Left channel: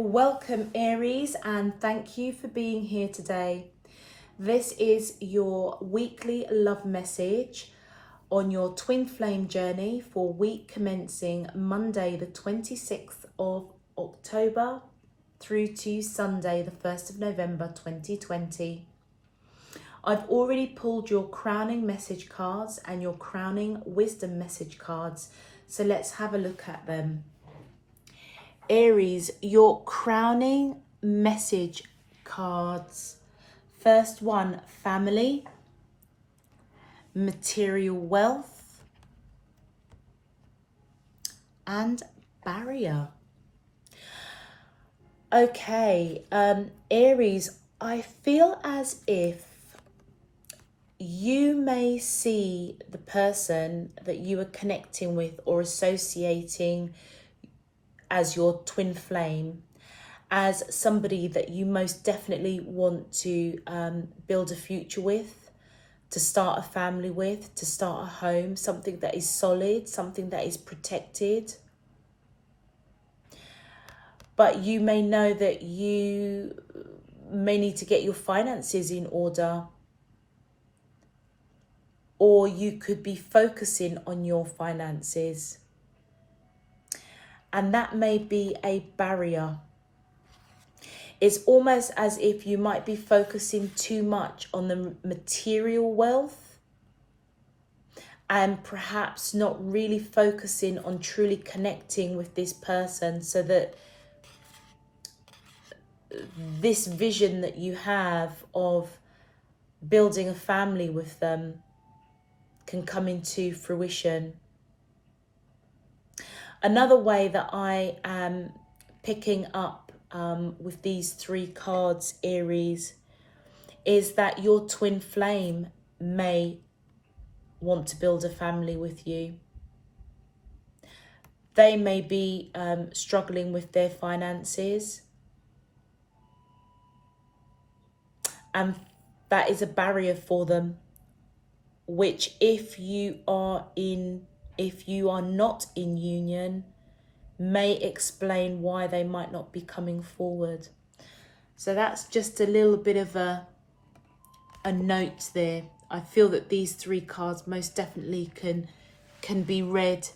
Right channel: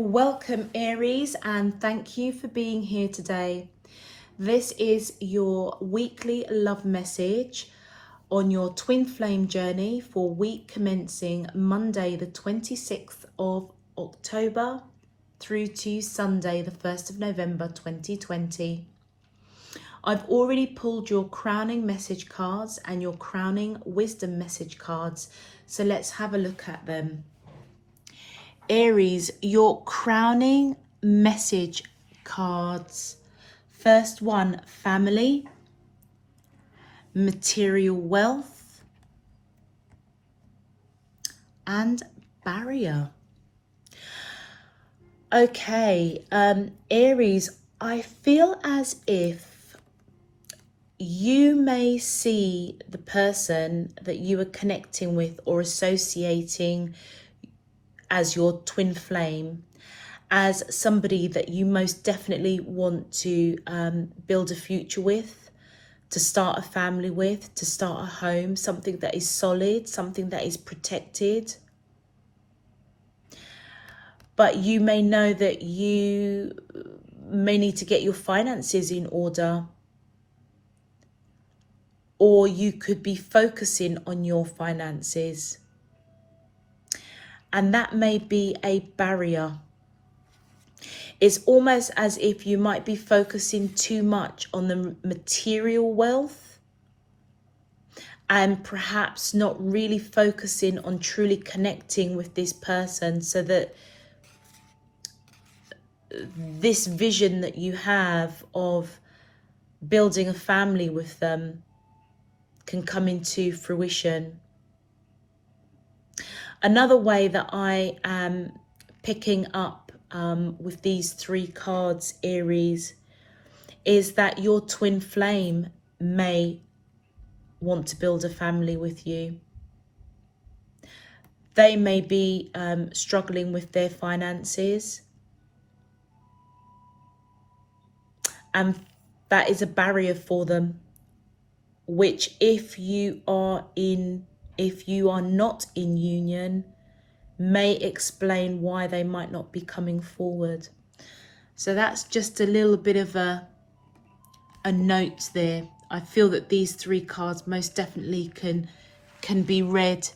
Welcome Aries, and thank you for being here today. This is your weekly love message on your twin flame journey for week commencing Monday the 26th of October through to Sunday the 1st of November 2020. I've already pulled your crowning message cards and your crowning wisdom message cards, so let's have a look at them. Aries, your crowning message cards. First one, family, material wealth, and barrier. Okay, Aries, I feel as if you may see the person that you are connecting with or associating as your twin flame as somebody that you most definitely want to build a future with, to start a family with, to start a home, something that is solid, something that is protected. But you may know that you may need to get your finances in order, or you could be focusing on your finances. And that may be a barrier. It's almost as if you might be focusing too much on the material wealth and perhaps not really focusing on truly connecting with this person, so that this vision that you have of building a family with them can come into fruition. Another way that I am picking up with these three cards, Aries, is that your twin flame may want to build a family with you. They may be struggling with their finances, and that is a barrier for them, which if you are not in union, may explain why they might not be coming forward. So that's just a little bit of a note there. I feel that these three cards most definitely can be read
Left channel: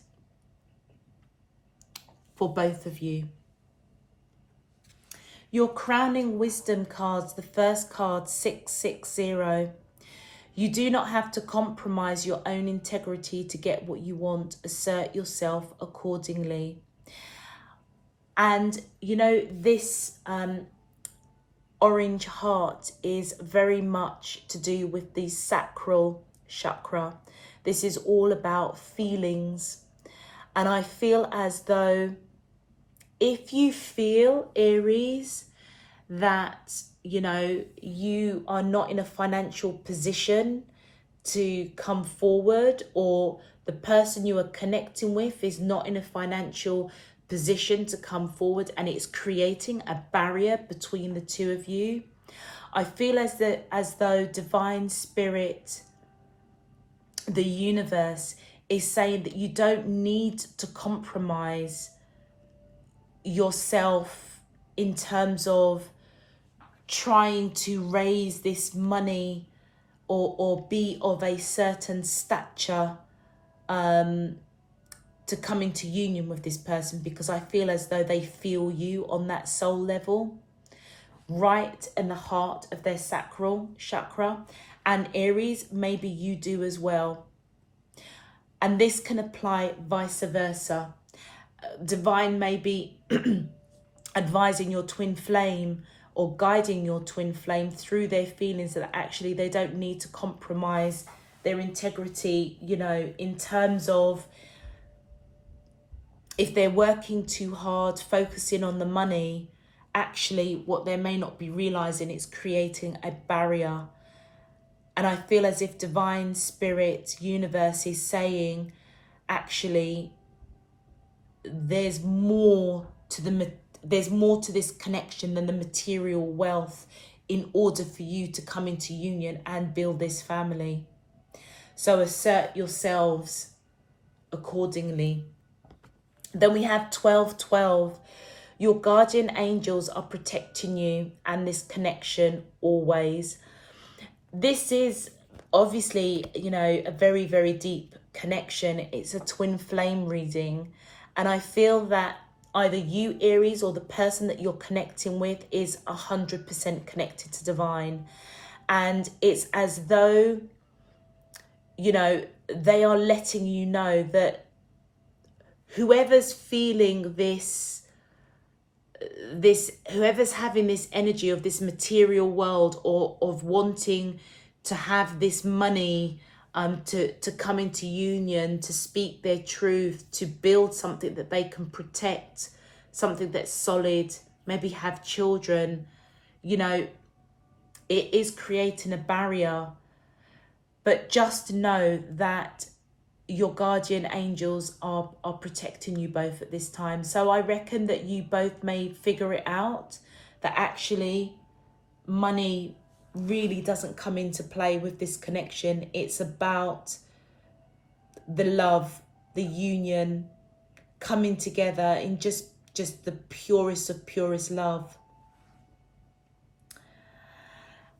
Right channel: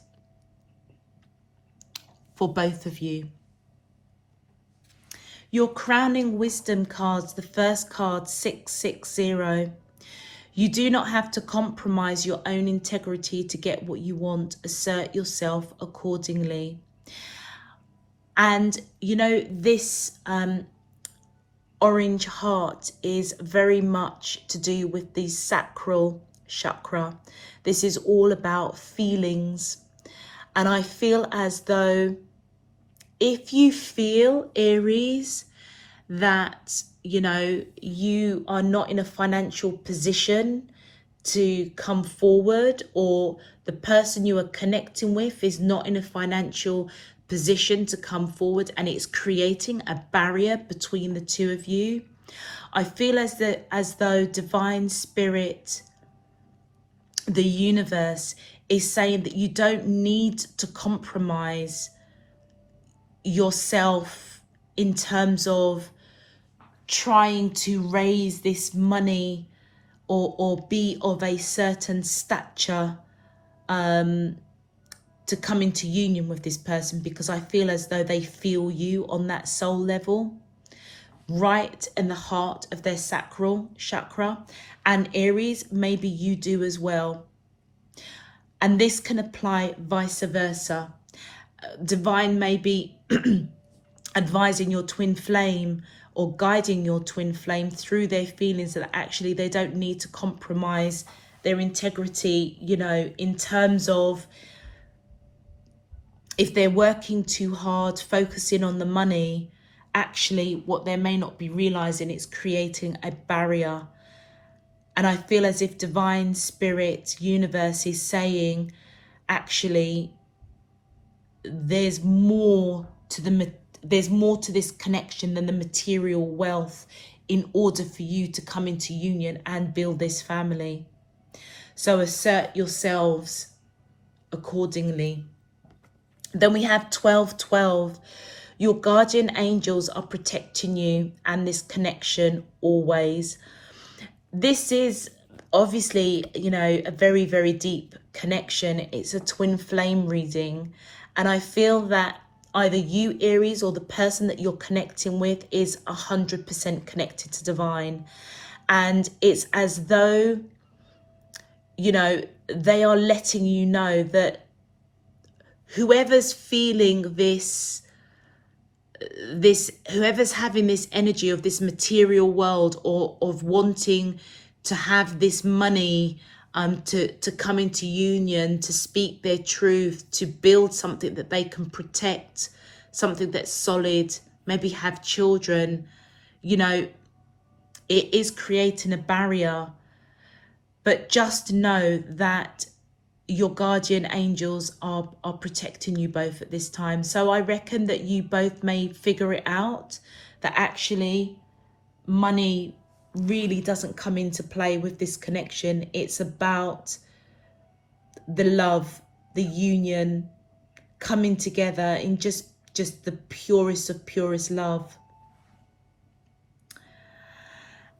for both of you. Your crowning wisdom cards, the first card, 660. You do not have to compromise your own integrity to get what you want. Assert yourself accordingly. And you know, this orange heart is very much to do with the sacral chakra. This is all about feelings. And I feel as though if you feel, Aries, that you are not in a financial position to come forward, or the person you are connecting with is not in a financial position to come forward, and it's creating a barrier between the two of you, I feel as though divine spirit, the universe, is saying that you don't need to compromise yourself in terms of trying to raise this money or be of a certain stature to come into union with this person, because I feel as though they feel you on that soul level, right in the heart of their sacral chakra. And Aries, maybe you do as well. And this can apply vice versa. Divine may be advising your twin flame or guiding your twin flame through their feelings, that actually they don't need to compromise their integrity, in terms of if they're working too hard, focusing on the money, actually what they may not be realizing is creating a barrier. And I feel as if divine spirit, universe, is saying, actually, there's more to this connection than the material wealth in order for you to come into union and build this family. So assert yourselves accordingly. Then we have 1212. Your guardian angels are protecting you and this connection always. This is obviously, you know, a very, very deep connection. It's a twin flame reading. And I feel that either you, Aries, or the person that you're connecting with is 100% connected to divine. And it's as though, you know, they are letting you know that whoever's feeling whoever's having this energy of this material world, or of wanting to have this money, to come into union, to speak their truth, to build something that they can protect, something that's solid, maybe have children, you know, it is creating a barrier. But just know that your guardian angels are protecting you both at this time. So I reckon that you both may figure it out, that actually money really doesn't come into play with this connection. It's about the love, the union, coming together in just the purest of purest love.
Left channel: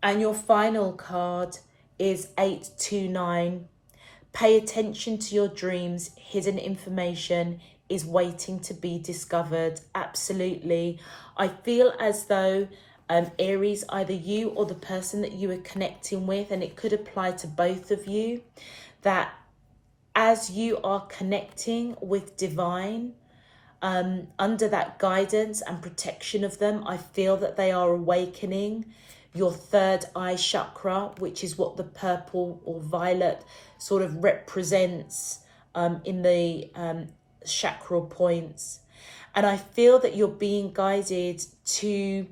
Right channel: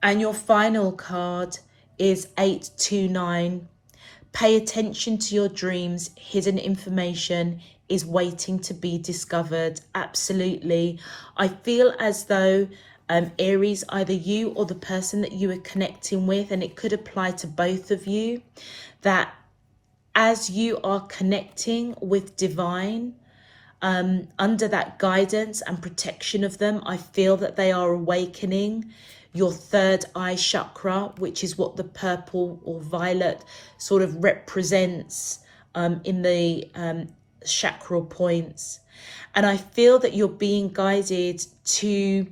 And your final card is 829. Pay attention to your dreams. Hidden information is waiting to be discovered. Absolutely. I feel as though Aries, either you or the person that you are connecting with, and it could apply to both of you, that as you are connecting with divine, under that guidance and protection of them, I feel that they are awakening your third eye chakra, which is what the purple or violet sort of represents in the chakral points. And I feel that you're being guided to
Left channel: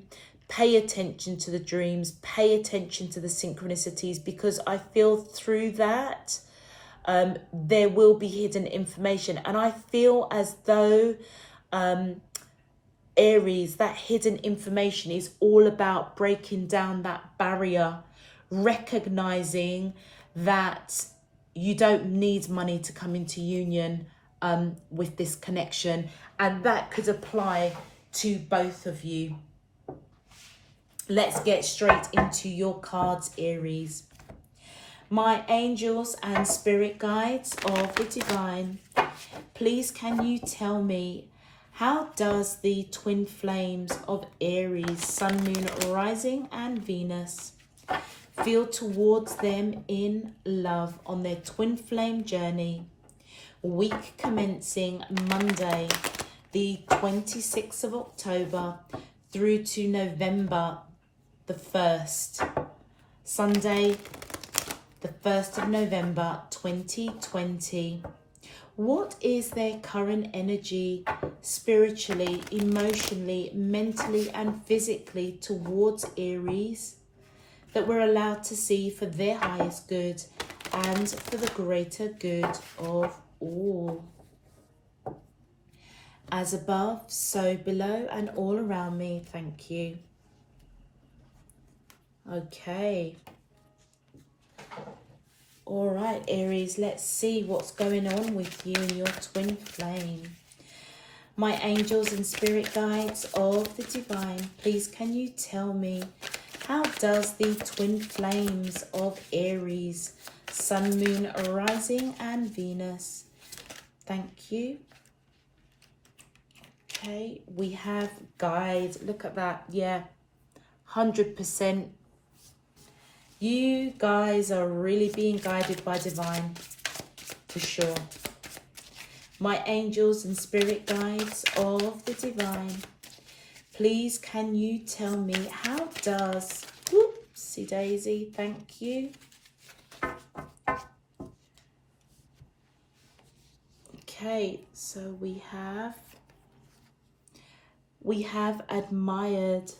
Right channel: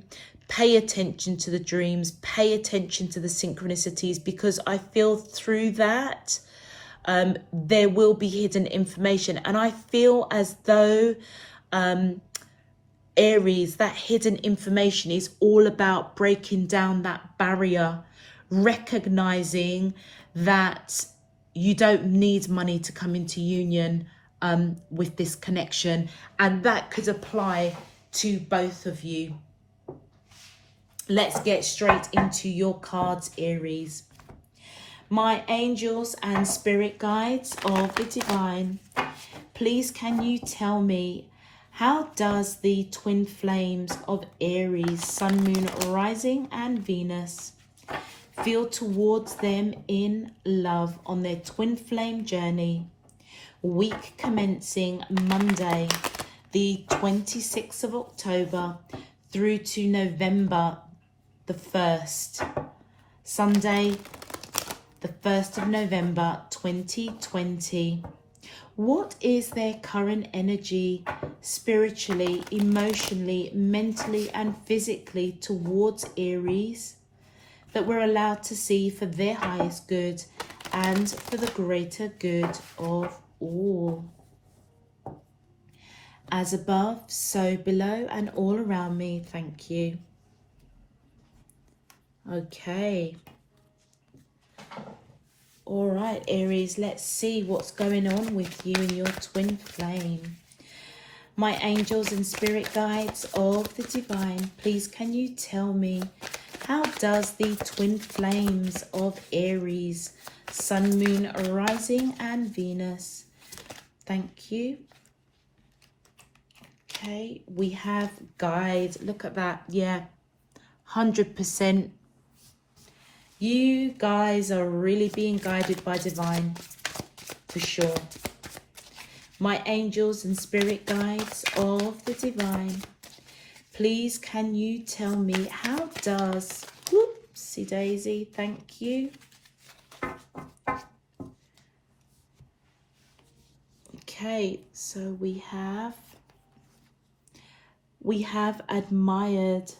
pay attention to the dreams, pay attention to the synchronicities, because I feel through that there will be hidden information. And I feel as though Aries, that hidden information is all about breaking down that barrier, recognizing that you don't need money to come into union with this connection. And that could apply to both of you. Let's get straight into your cards, Aries. My angels and spirit guides of the divine, please can you tell me, how does the twin flames of Aries, Sun, Moon, Rising and Venus feel towards them in love on their twin flame journey? Week commencing Monday, the 26th of October through to November the 1st. Sunday, the 1st of November 2020. What is their current energy, spiritually, emotionally, mentally and physically towards Aries, that we're allowed to see for their highest good and for the greater good of all? As above, so below and all around me. Thank you. Okay. All right, Aries, let's see what's going on with you and your twin flame. My angels and spirit guides of the divine, please can you tell me, how does the twin flames of Aries, Sun, Moon, Rising and Venus? Thank you. Okay, we have guide. Look at that. Yeah, 100%. You guys are really being guided by divine, for sure. My angels and spirit guides of the divine, please can you tell me, how does, whoopsie daisy, thank you. Okay, so we have admired,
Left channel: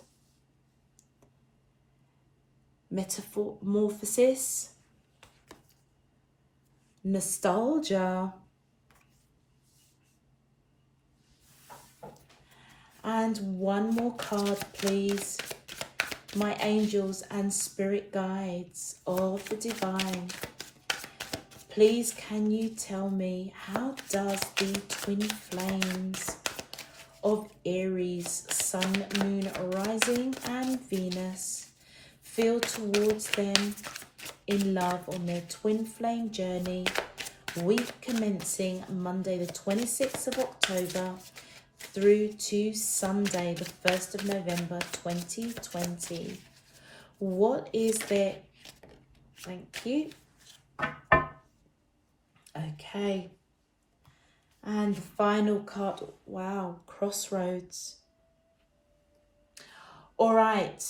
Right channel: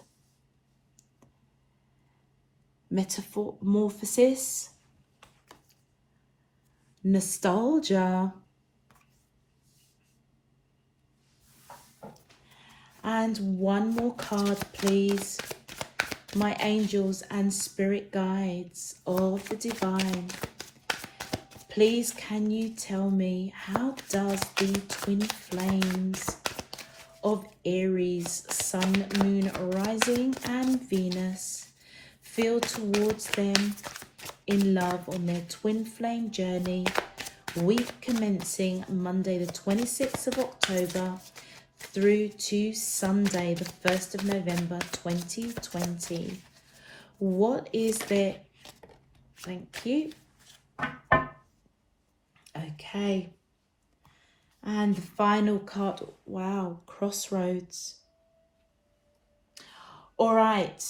metamorphosis, nostalgia, and one more card, please. My angels and spirit guides of the divine, please can you tell me, how does the twin flames of Aries, Sun, Moon, Rising and Venus feel towards them in love on their twin flame journey, week commencing Monday the 26th of October through to Sunday the 1st of November 2020. What is their... Thank you. Okay. And the final card, wow, Crossroads. All right,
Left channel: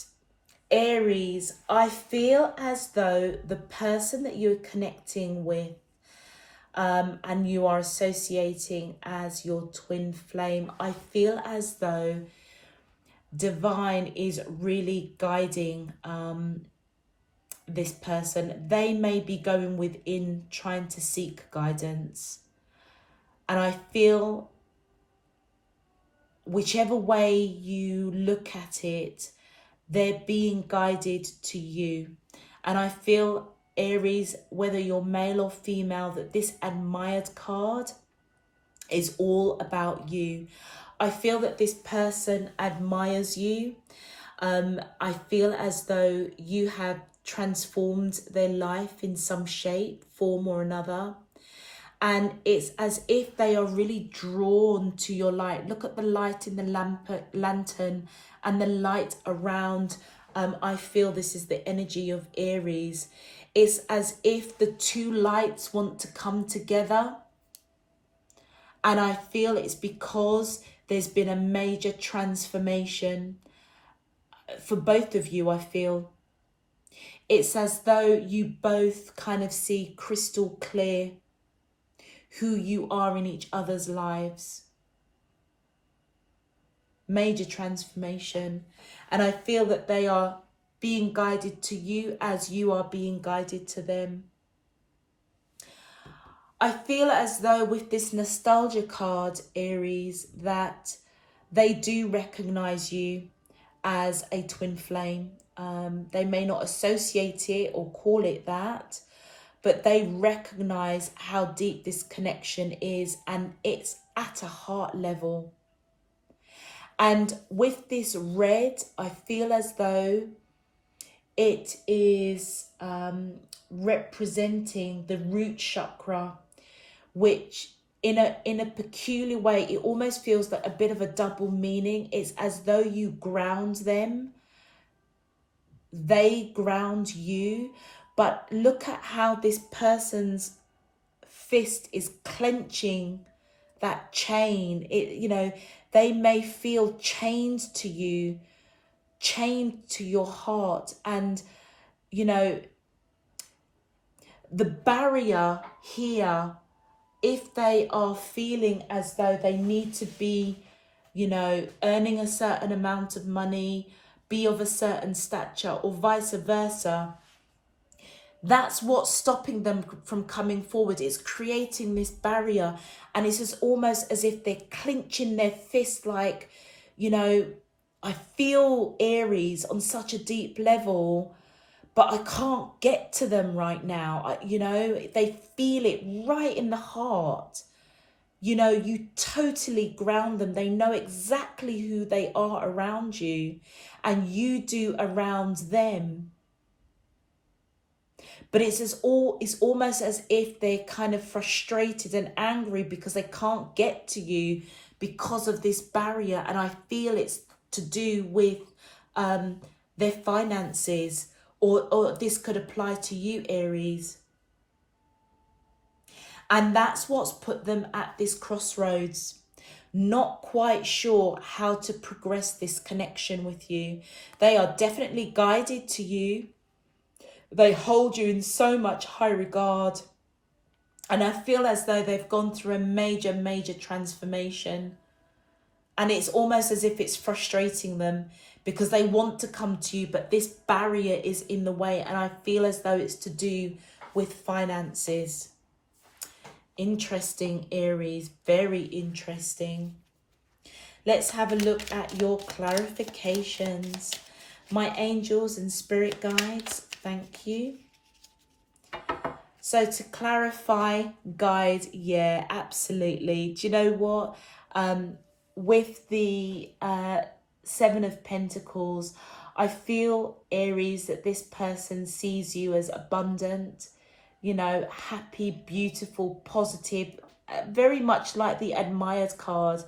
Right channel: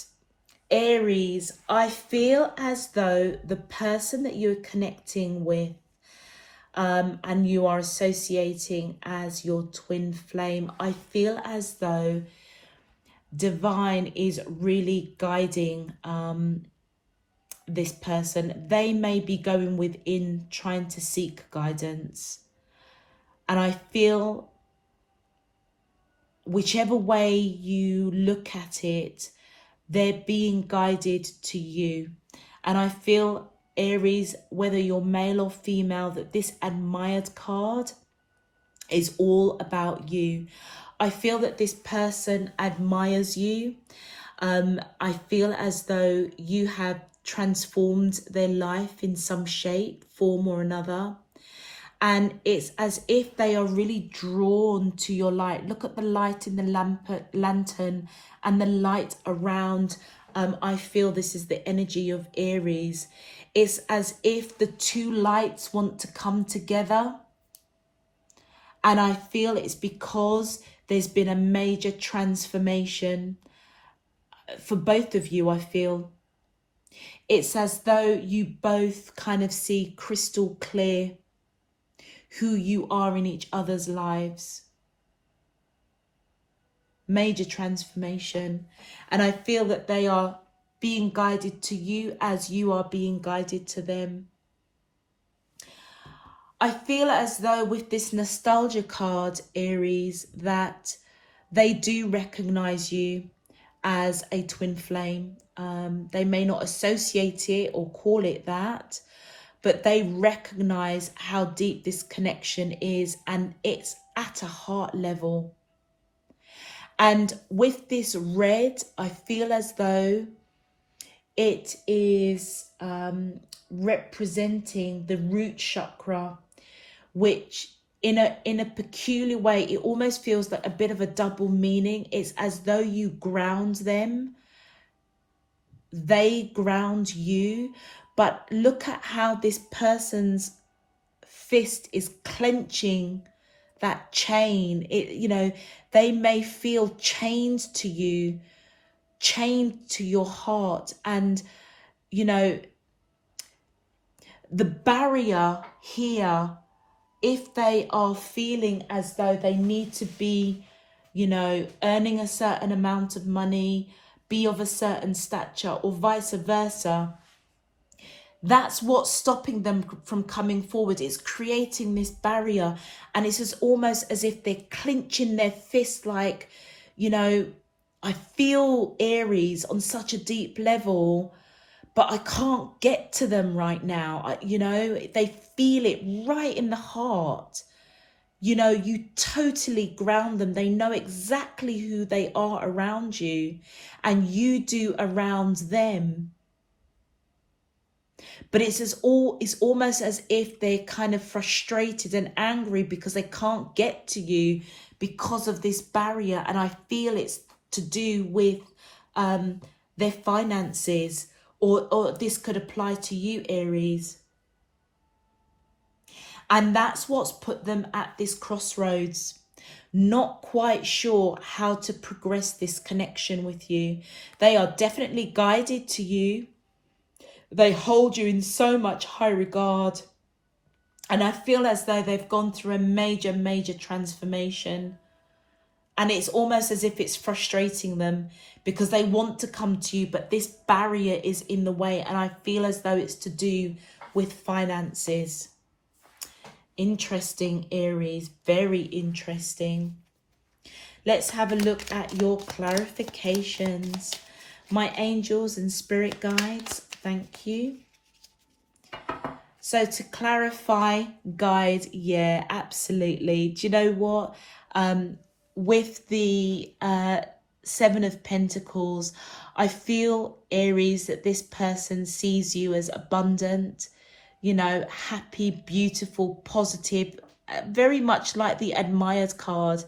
Aries, I feel as though the person that you're connecting with and you are associating as your twin flame, I feel as though divine is really guiding this person. They may be going within trying to seek guidance. And I feel whichever way you look at it, they're being guided to you. And I feel, Aries, whether you're male or female, that this admired card is all about you. I feel that this person admires you. I feel as though you have transformed their life in some shape, form or another. And it's as if they are really drawn to your light. Look at the light in the lantern and the light around. I feel this is the energy of Aries. It's as if the two lights want to come together. And I feel it's because there's been a major transformation for both of you, I feel. It's as though you both kind of see crystal clear who you are in each other's lives. Major transformation. And I feel that they are being guided to you as you are being guided to them. I feel as though with this nostalgia card, Aries, that they do recognize you as a twin flame. They may not associate it or call it that, but they recognize how deep this connection is, and it's at a heart level. And with this red, I feel as though it is representing the root chakra, which in a peculiar way, it almost feels like a bit of a double meaning. It's as though you ground them, they ground you. But look at how this person's fist is clenching that chain. They may feel chained to you, chained to your heart. And, the barrier here, if they are feeling as though they need to be, earning a certain amount of money, be of a certain stature, or vice versa, that's what's stopping them from coming forward. It's creating this barrier, and it's just almost as if they're clenching their fist, like, I feel, Aries, on such a deep level, but I can't get to them right now. They feel it right in the heart. You totally ground them. They know exactly who they are around you, and you do around them. But it's almost as if they're kind of frustrated and angry because they can't get to you because of this barrier. And I feel it's to do with their finances, or this could apply to you, Aries. And that's what's put them at this crossroads, not quite sure how to progress this connection with you. They are definitely guided to you. They hold you in so much high regard. And I feel as though they've gone through a major, major transformation. And it's almost as if it's frustrating them because they want to come to you, but this barrier is in the way. And I feel as though it's to do with finances. Interesting, Aries. Very interesting. Let's have a look at your clarifications. My angels and spirit guides, thank you. So to clarify, guide, yeah, absolutely. Do you know what? with the Seven of Pentacles, I feel, Aries, that this person sees you as abundant, you know, happy, beautiful, positive, very much like the admired card.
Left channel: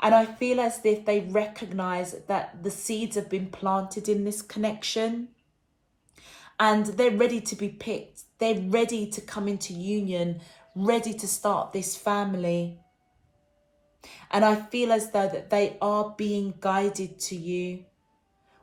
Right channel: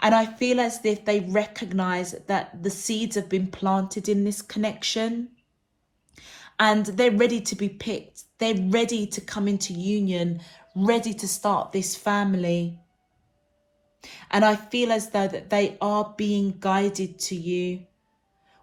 And I feel as if they recognize that the seeds have been planted in this connection and they're ready to be picked. They're ready to come into union, ready to start this family. And I feel as though that they are being guided to you,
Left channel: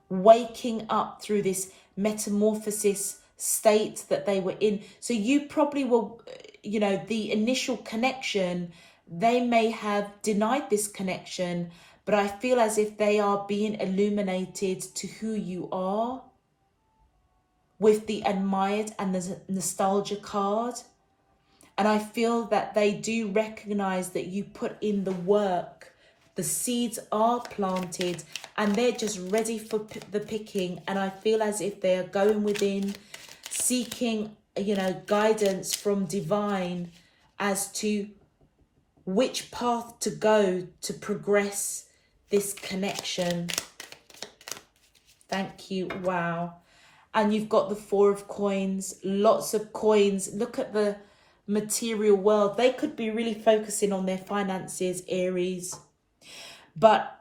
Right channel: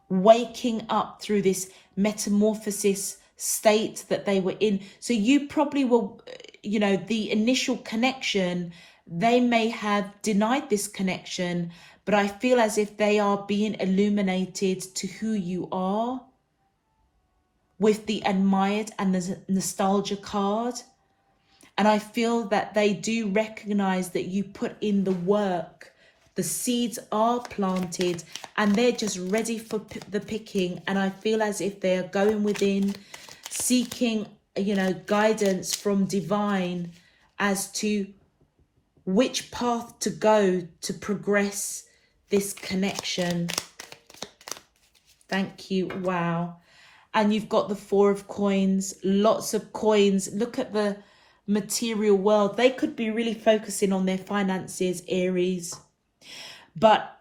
waking up through this metamorphosis state that they were in. So you probably will, you know, the initial connection, they may have denied this connection, but I feel as if they are being illuminated to who you are with the admired and the nostalgia card. And I feel that they do recognize that you put in the work. The seeds are planted and they're just ready for the picking. And I feel as if they are going within, seeking, you know, guidance from divine as to which path to go to progress this connection. Thank you. Wow. And you've got the Four of Coins, lots of coins. Look at the material world. They could be really focusing on their finances, Aries. But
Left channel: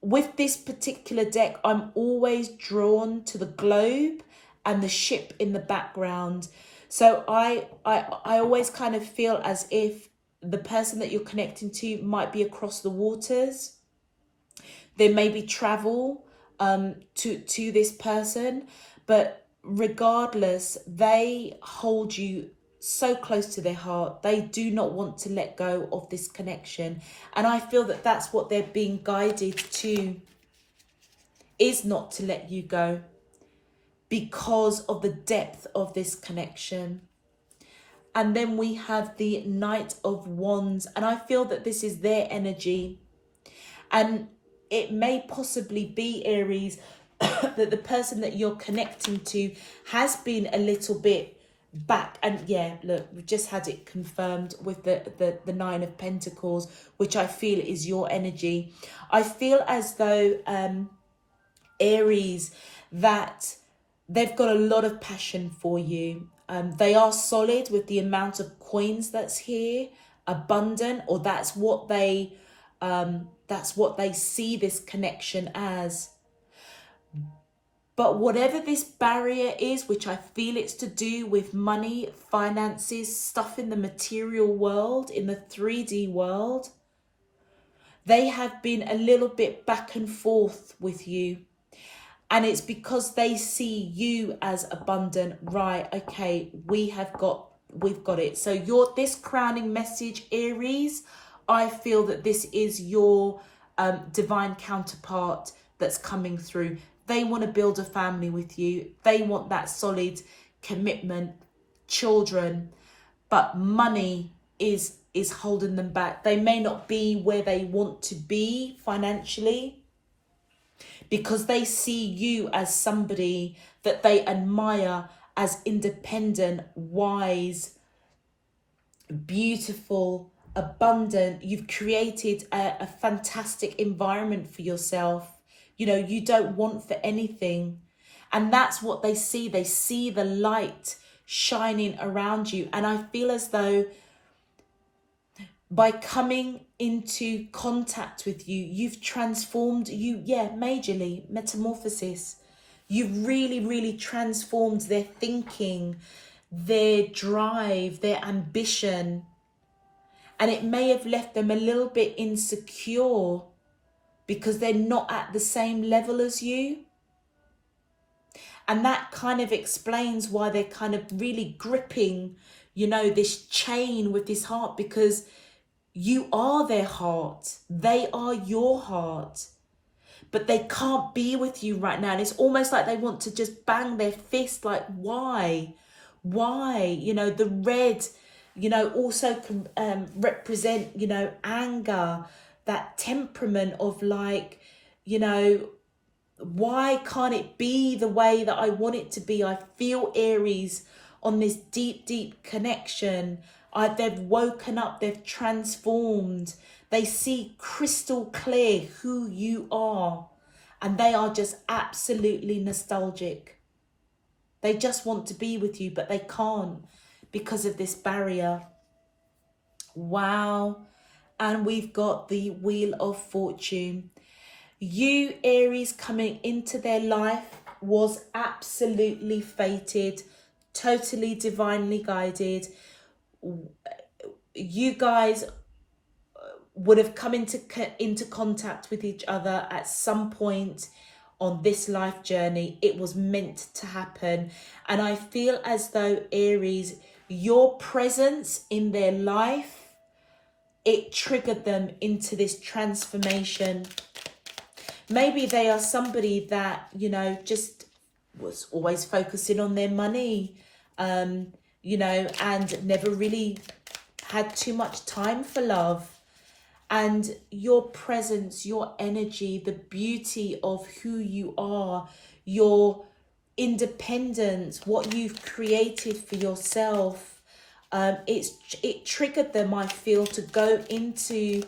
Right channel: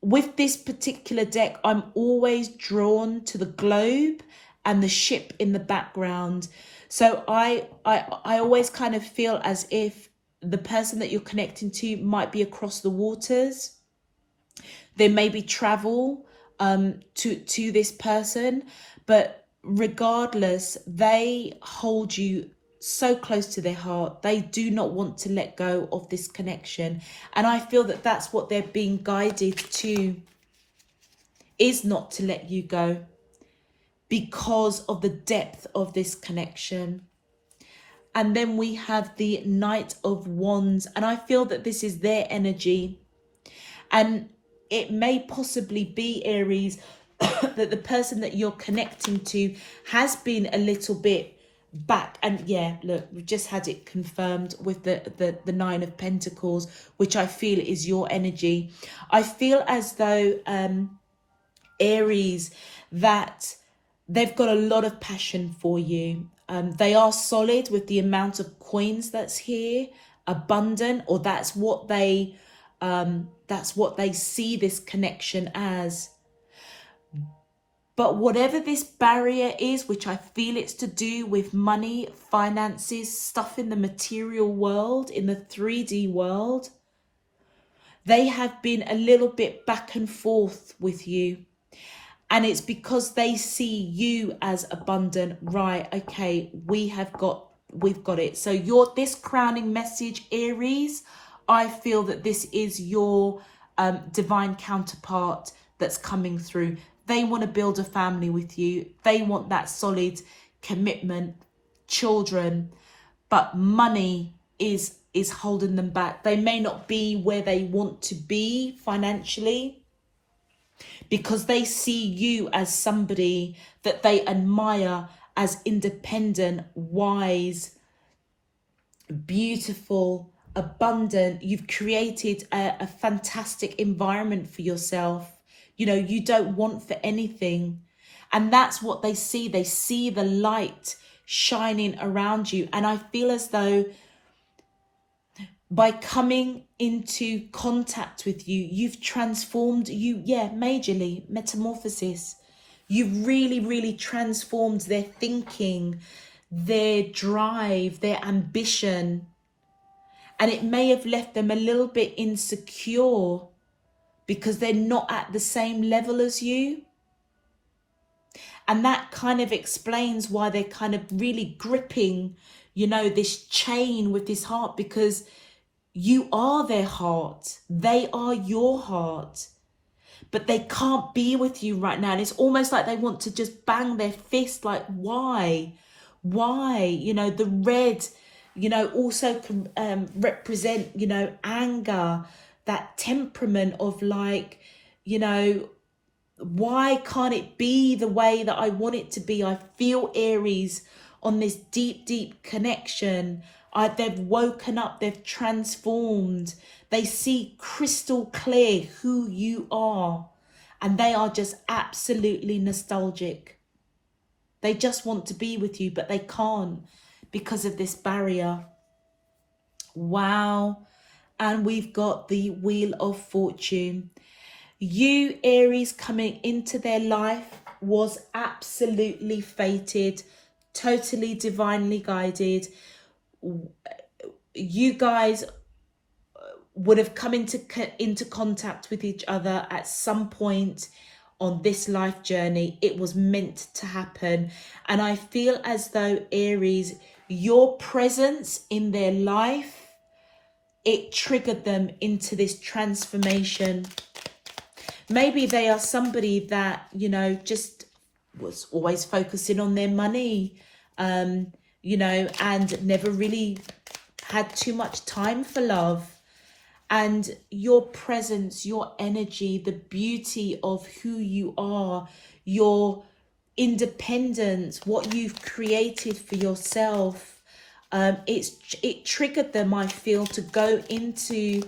with this particular deck, I'm always drawn to the globe and the ship in the background. So I always kind of feel as if the person that you're connecting to might be across the waters. There may be travel to this person, but regardless, they hold you so close to their heart. They do not want to let go of this connection. And I feel that that's what they're being guided to, is not to let you go because of the depth of this connection. And then we have the Knight of Wands, and I feel that this is their energy. And it may possibly be, Aries, that the person that you're connecting to has been a little bit back. And yeah, look, we've just had it confirmed with the Nine of Pentacles, which I feel is your energy. I feel as though Aries, that they've got a lot of passion for you. They are solid with the amount of coins that's here, abundant, or that's what they see this connection as. But whatever this barrier is, which I feel it's to do with money, finances, stuff in the material world, in the 3D world, they have been a little bit back and forth with you. And it's because they see you as abundant. Right, okay, we've got it. So this crowning message, Aries, I feel that this is your divine counterpart that's coming through. They want to build a family with you. They want that solid commitment, children, but money is holding them back. They may not be where they want to be financially because they see you as somebody that they admire as independent, wise, beautiful, abundant. You've created a fantastic environment for yourself. You know, you don't want for anything. And that's what they see. They see the light shining around you. And I feel as though by coming into contact with you, you've transformed you, majorly, metamorphosis. You've really, really transformed their thinking, their drive, their ambition. And it may have left them a little bit insecure because they're not at the same level as you. And that kind of explains why they're kind of really gripping, you know, this chain with this heart, because you are their heart. They are your heart. But they can't be with you right now. And it's almost like they want to just bang their fist, like, why? Why? You know, the red, you know, also can represent, you know, anger, that temperament of like, you know, why can't it be the way that I want it to be? I feel, Aries, on this deep, deep connection. They've woken up, they've transformed. They see crystal clear who you are. And they are just absolutely nostalgic. They just want to be with you, but they can't because of this barrier. Wow. And we've got the Wheel of Fortune. You, Aries, coming into their life was absolutely fated, totally divinely guided. You guys would have come into contact with each other at some point on this life journey. It was meant to happen. And I feel as though, Aries, your presence in their life, it triggered them into this transformation. Maybe they are somebody that, you know, just was always focusing on their money, you know, and never really had too much time for love. And your presence, your energy, the beauty of who you are, your independence, what you've created for yourself, it triggered them, I feel, to go into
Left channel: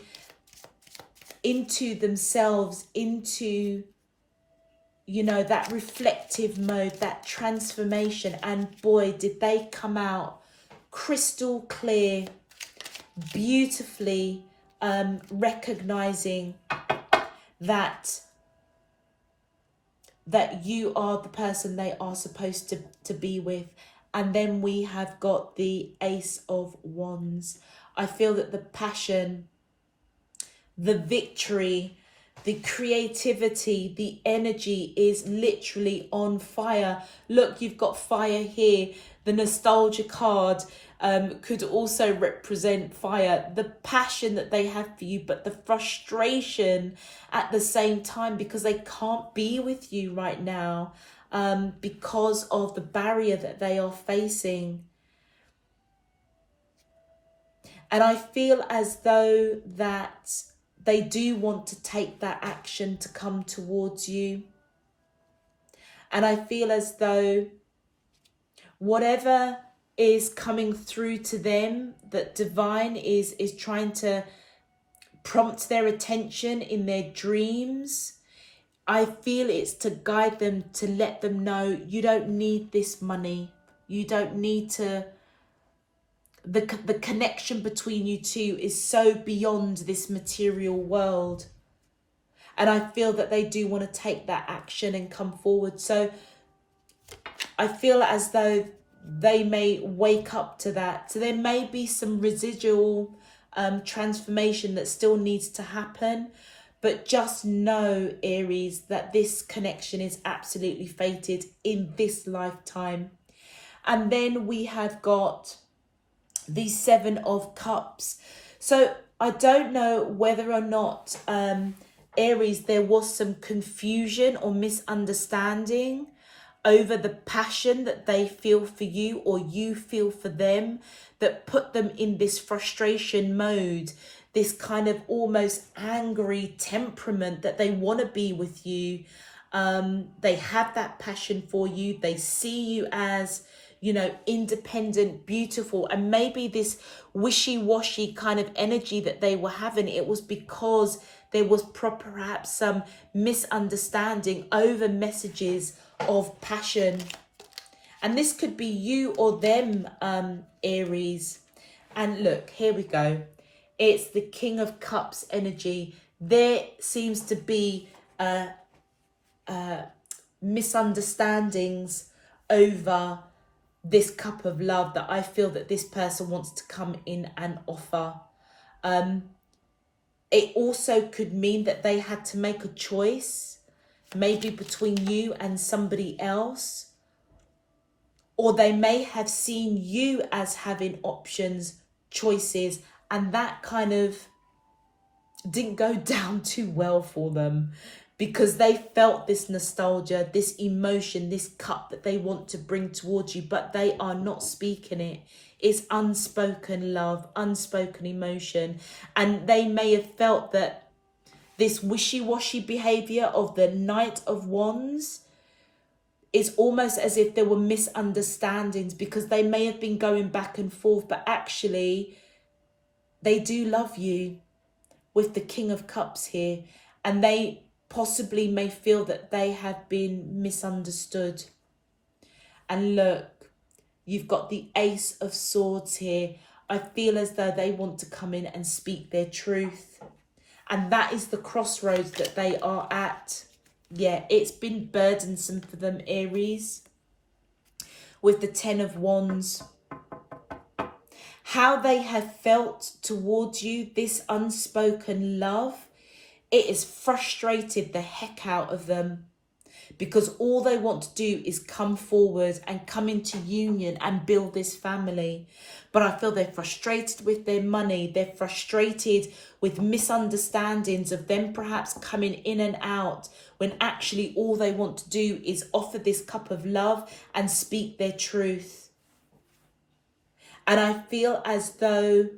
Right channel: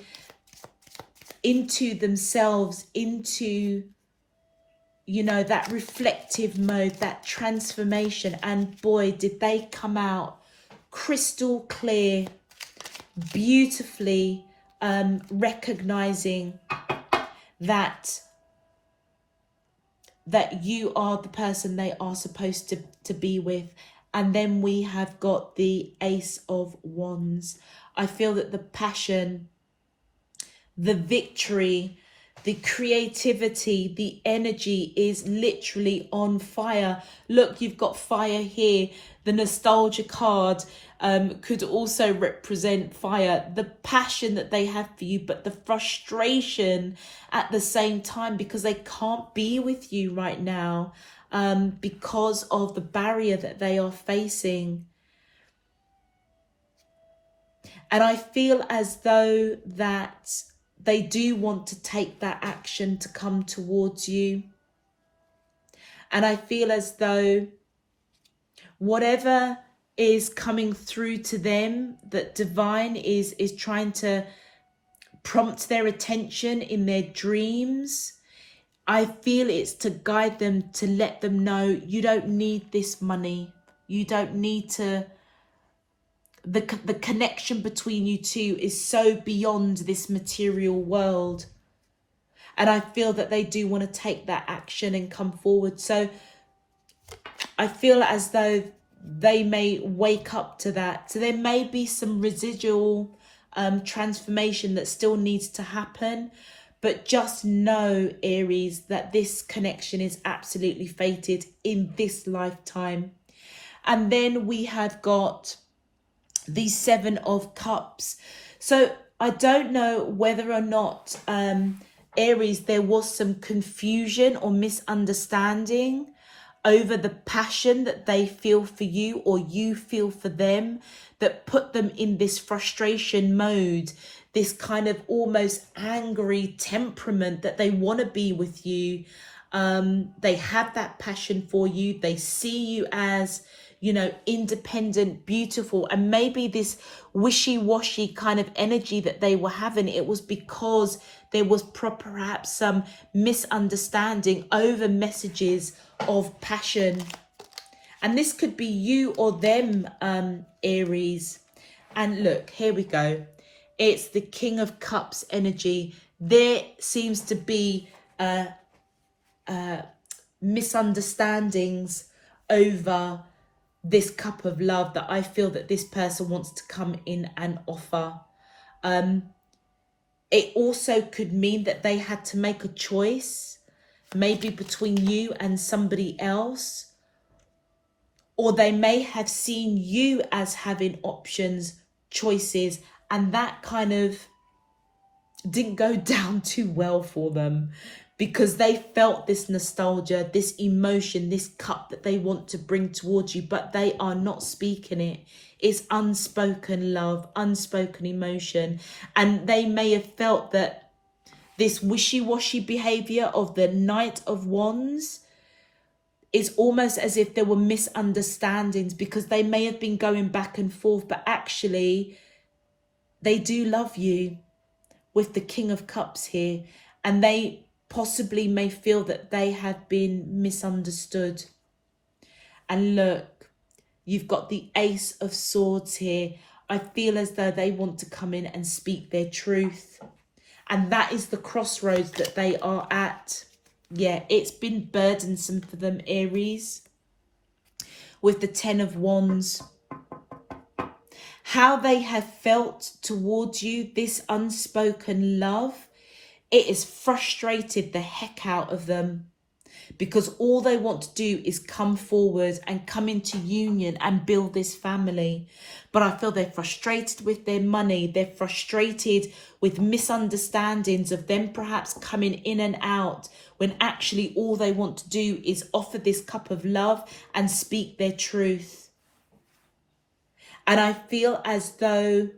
themselves, into, you know, that reflective mode, that transformation. And boy, did they come out crystal clear, beautifully, recognizing that you are the person they are supposed to be with. And then we have got the Ace of Wands. I feel that the passion, the victory, the creativity, the energy is literally on fire. Look, you've got fire here. The nostalgia card could also represent fire. The passion that they have for you, but the frustration at the same time, because they can't be with you right now because of the barrier that they are facing. And I feel as though that they do want to take that action to come towards you. And I feel as though whatever is coming through to them, that divine is trying to prompt their attention in their dreams, I feel it's to guide them, to let them know you don't need this money. You don't need to... The connection between you two is so beyond this material world. And I feel that they do want to take that action and come forward. So I feel as though they may wake up to that. So there may be some residual transformation that still needs to happen. But just know, Aries, that this connection is absolutely fated in this lifetime. And then we have got the Seven of Cups. So I don't know whether or not, Aries, there was some confusion or misunderstanding over the passion that they feel for you or you feel for them, that put them in this frustration mode, this kind of almost angry temperament that they want to be with you. They have that passion for you. They see you as, you know, independent, beautiful. And maybe this wishy-washy kind of energy that they were having, it was because there was perhaps some misunderstanding over messages of passion. And this could be you or them, Aries. And look, here we go. It's the King of Cups energy. There seems to be misunderstandings over this cup of love that I feel that this person wants to come in and offer. It also could mean that they had to make a choice, maybe between you and somebody else. Or they may have seen you as having options, choices, and that kind of didn't go down too well for them, because they felt this nostalgia, this emotion, this cup that they want to bring towards you, but they are not speaking it. It's unspoken love, unspoken emotion. And they may have felt that this wishy-washy behavior of the Knight of Wands, it's almost as if there were misunderstandings, because they may have been going back and forth, but actually they do love you with the King of Cups here, and they possibly may feel that they have been misunderstood. And look, you've got the Ace of Swords here. I feel as though they want to come in and speak their truth. And that is the crossroads that they are at. Yeah, it's been burdensome for them, Aries. With the Ten of Wands. How they have felt towards you, this unspoken love, it has frustrated the heck out of them. Because all they want to do is come forward and come into union and build this family. But I feel they're frustrated with their money. They're frustrated with misunderstandings of them perhaps coming in and out, when actually all they want to do is offer this cup of love and speak their truth. And I feel as though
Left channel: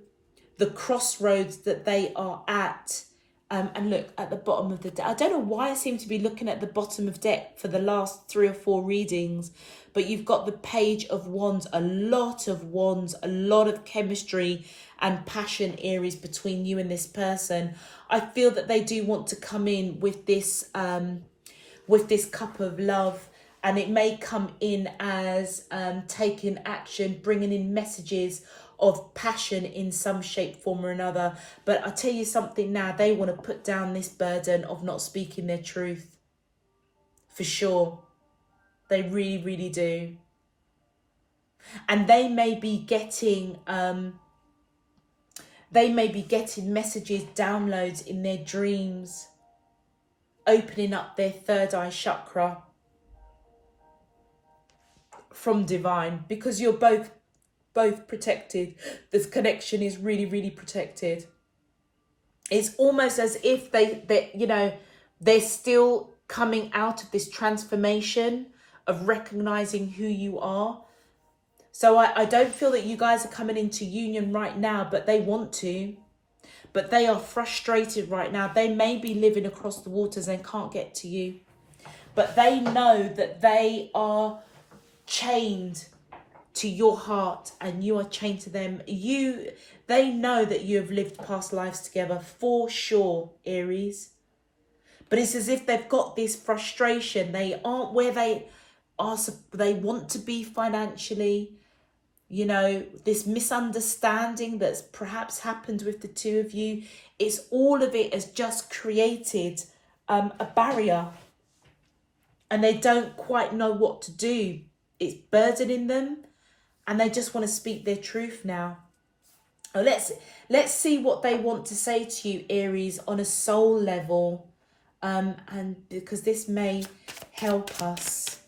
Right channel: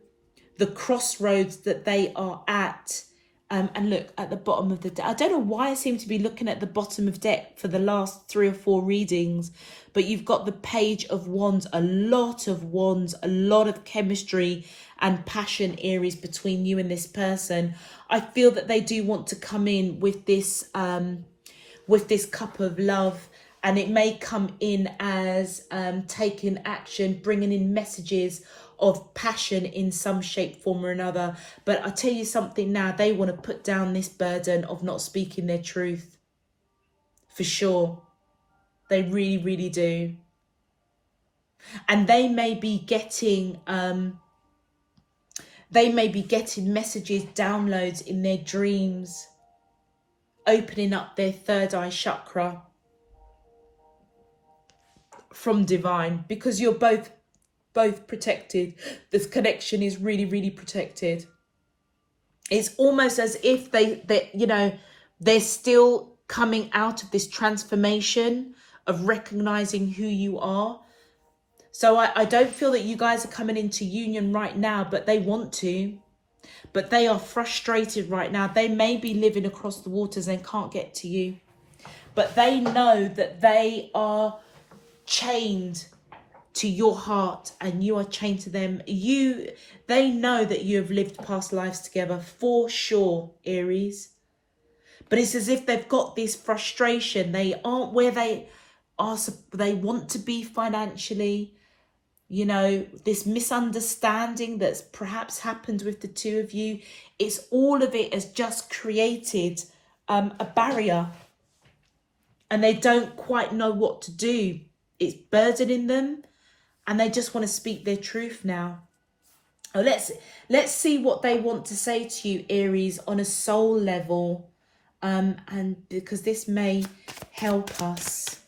the crossroads that they are at, and look at the bottom of the deck. I don't know why I seem to be looking at the bottom of deck for the last 3 or 4 readings, but you've got the Page of Wands, a lot of wands, a lot of chemistry and passion, Aries, between you and this person. I feel that they do want to come in with this cup of love, and it may come in as taking action, bringing in messages of passion in some shape, form or another. But I'll tell you something now, they want to put down this burden of not speaking their truth. For sure. They really, really do. And they may be getting messages, downloads in their dreams, opening up their third eye chakra from divine, because you're both protected. This connection is really, really protected. It's almost as if they're still coming out of this transformation of recognizing who you are. So I don't feel that you guys are coming into union right now, but they want to. But they are frustrated right now. They may be living across the waters and can't get to you. But they know that they are chained to your heart and you are chained to them. They know that you have lived past lives together for sure, Aries. But it's as if they've got this frustration. They aren't where they want to be financially. You know, this misunderstanding that's perhaps happened with the two of you, it's all of it has just created a barrier, and they don't quite know what to do. It's burdening them, and they just want to speak their truth now. Now let's see what they want to say to you, Aries, on a soul level, and because this may help us.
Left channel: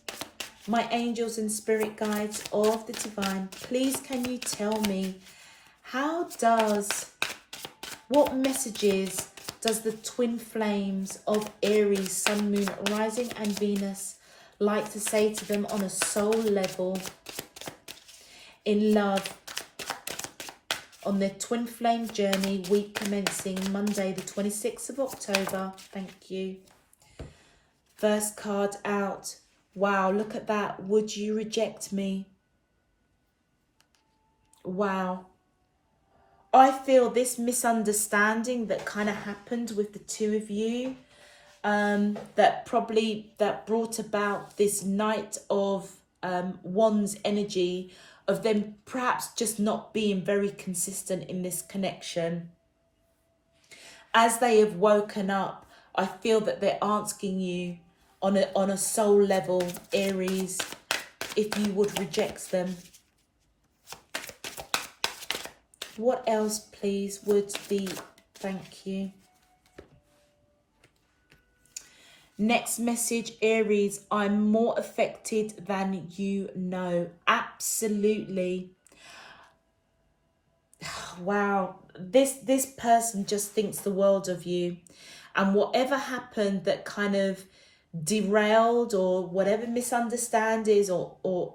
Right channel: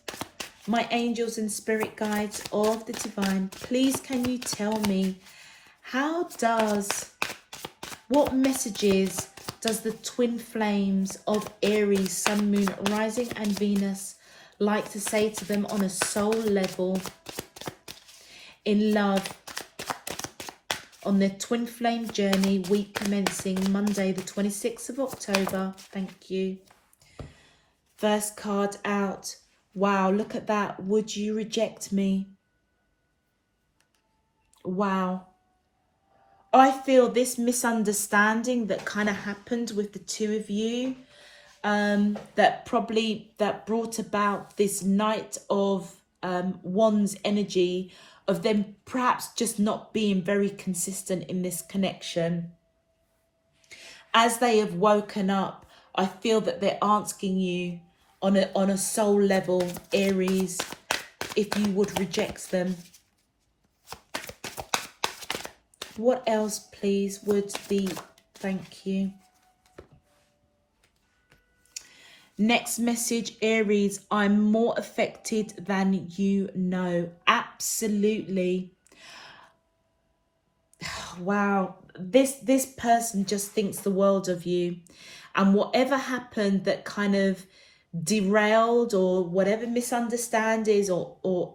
My angels and spirit guides of the divine, please can you tell me, what messages does the twin flames of Aries, Sun, Moon, Rising and Venus like to say to them on a soul level, in love, on their twin flame journey, week commencing Monday the 26th of October. Thank you. First card out. Wow, look at that. Would you reject me? Wow. I feel this misunderstanding that kind of happened with the two of you, that brought about this Knight of Wands energy, of them perhaps just not being very consistent in this connection. As they have woken up, I feel that they're asking you on a soul level, Aries, if you would reject them. What else, please, would be, thank you. Next message, Aries, I'm more affected than you know. Absolutely. Wow, this person just thinks the world of you, and whatever happened that kind of derailed, or whatever misunderstandings or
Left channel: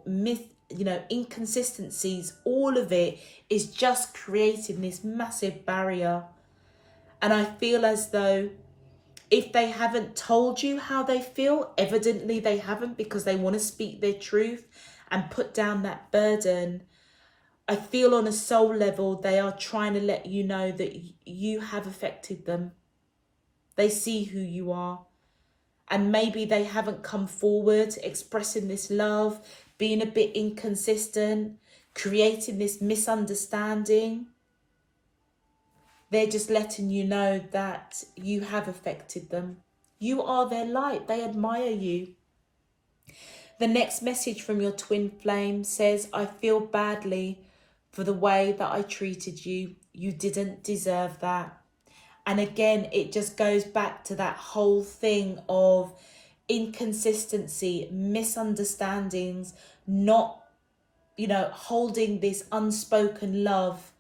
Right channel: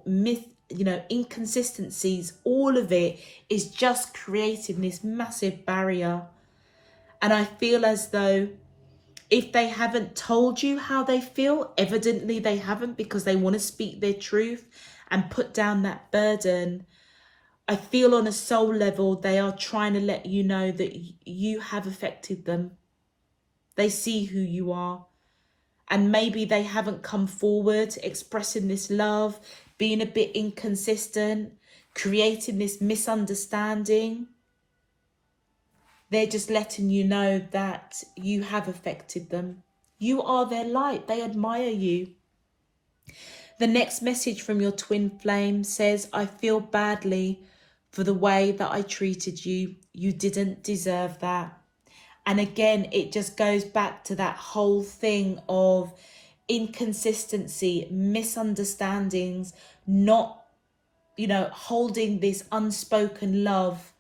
inconsistencies, all of it is just creating this massive barrier. And I feel as though If they haven't told you how they feel, evidently they haven't, because they want to speak their truth and put down that burden. I feel on a soul level, they are trying to let you know that you have affected them. They see who you are. And maybe they haven't come forward expressing this love, being a bit inconsistent, creating this misunderstanding. They're just letting you know that you have affected them. You are their light. They admire you. The next message from your twin flame says, I feel badly for the way that I treated you. You didn't deserve that. And again, it just goes back to that whole thing of inconsistency, misunderstandings, not, holding this unspoken love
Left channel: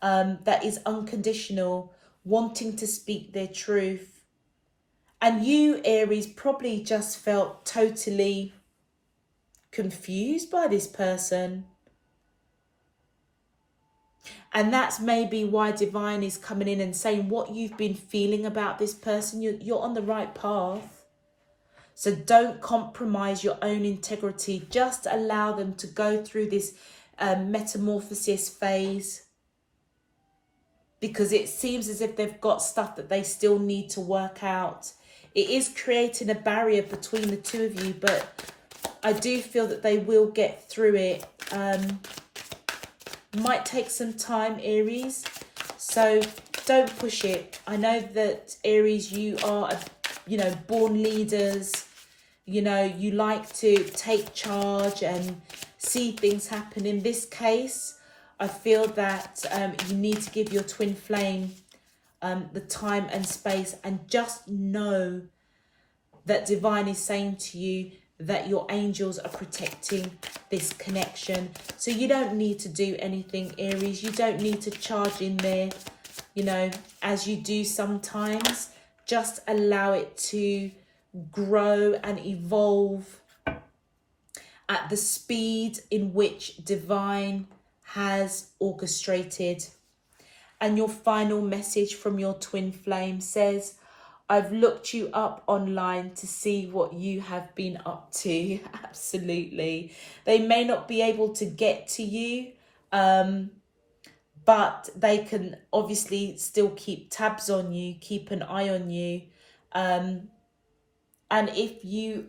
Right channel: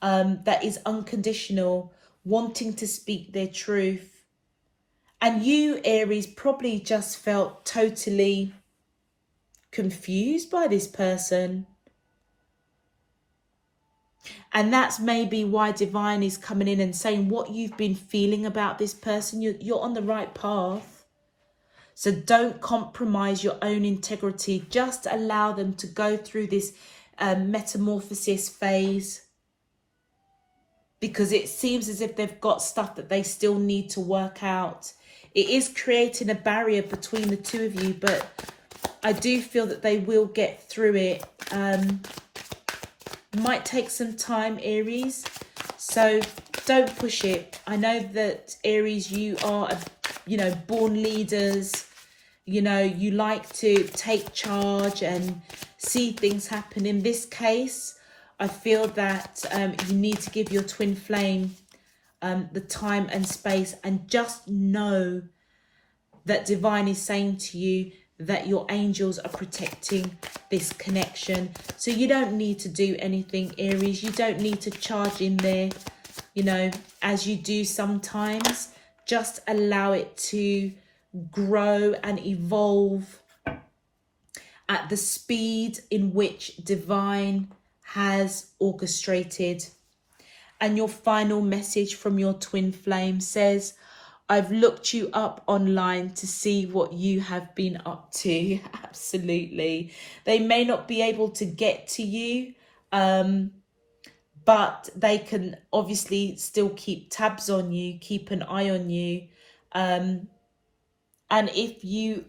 that is unconditional, wanting to speak their truth. And you, Aries, probably just felt totally confused by this person. And that's maybe why Divine is coming in and saying what you've been feeling about this person, you're on the right path. So don't compromise your own integrity. Just allow them to go through this metamorphosis phase, because it seems as if they've got stuff that they still need to work out. It is creating a barrier between the two of you, but I do feel that they will get through it. Might take some time, Aries, so don't push it. I know that, Aries, you are, born leaders. You like to take charge and see things happen. In this case, I feel that you need to give your twin flame the time and space, and just know that Divine is saying to you that your angels are protecting this connection. So you don't need to do anything, Aries. You don't need to charge in there, as you do sometimes. Just allow it to grow and evolve at the speed in which Divine has orchestrated. And your final message from your twin flame says, I've looked you up online to see what you have been up to. Absolutely. They may not be able to get to you, but they can obviously still keep tabs on you, keep an eye on you. And if you,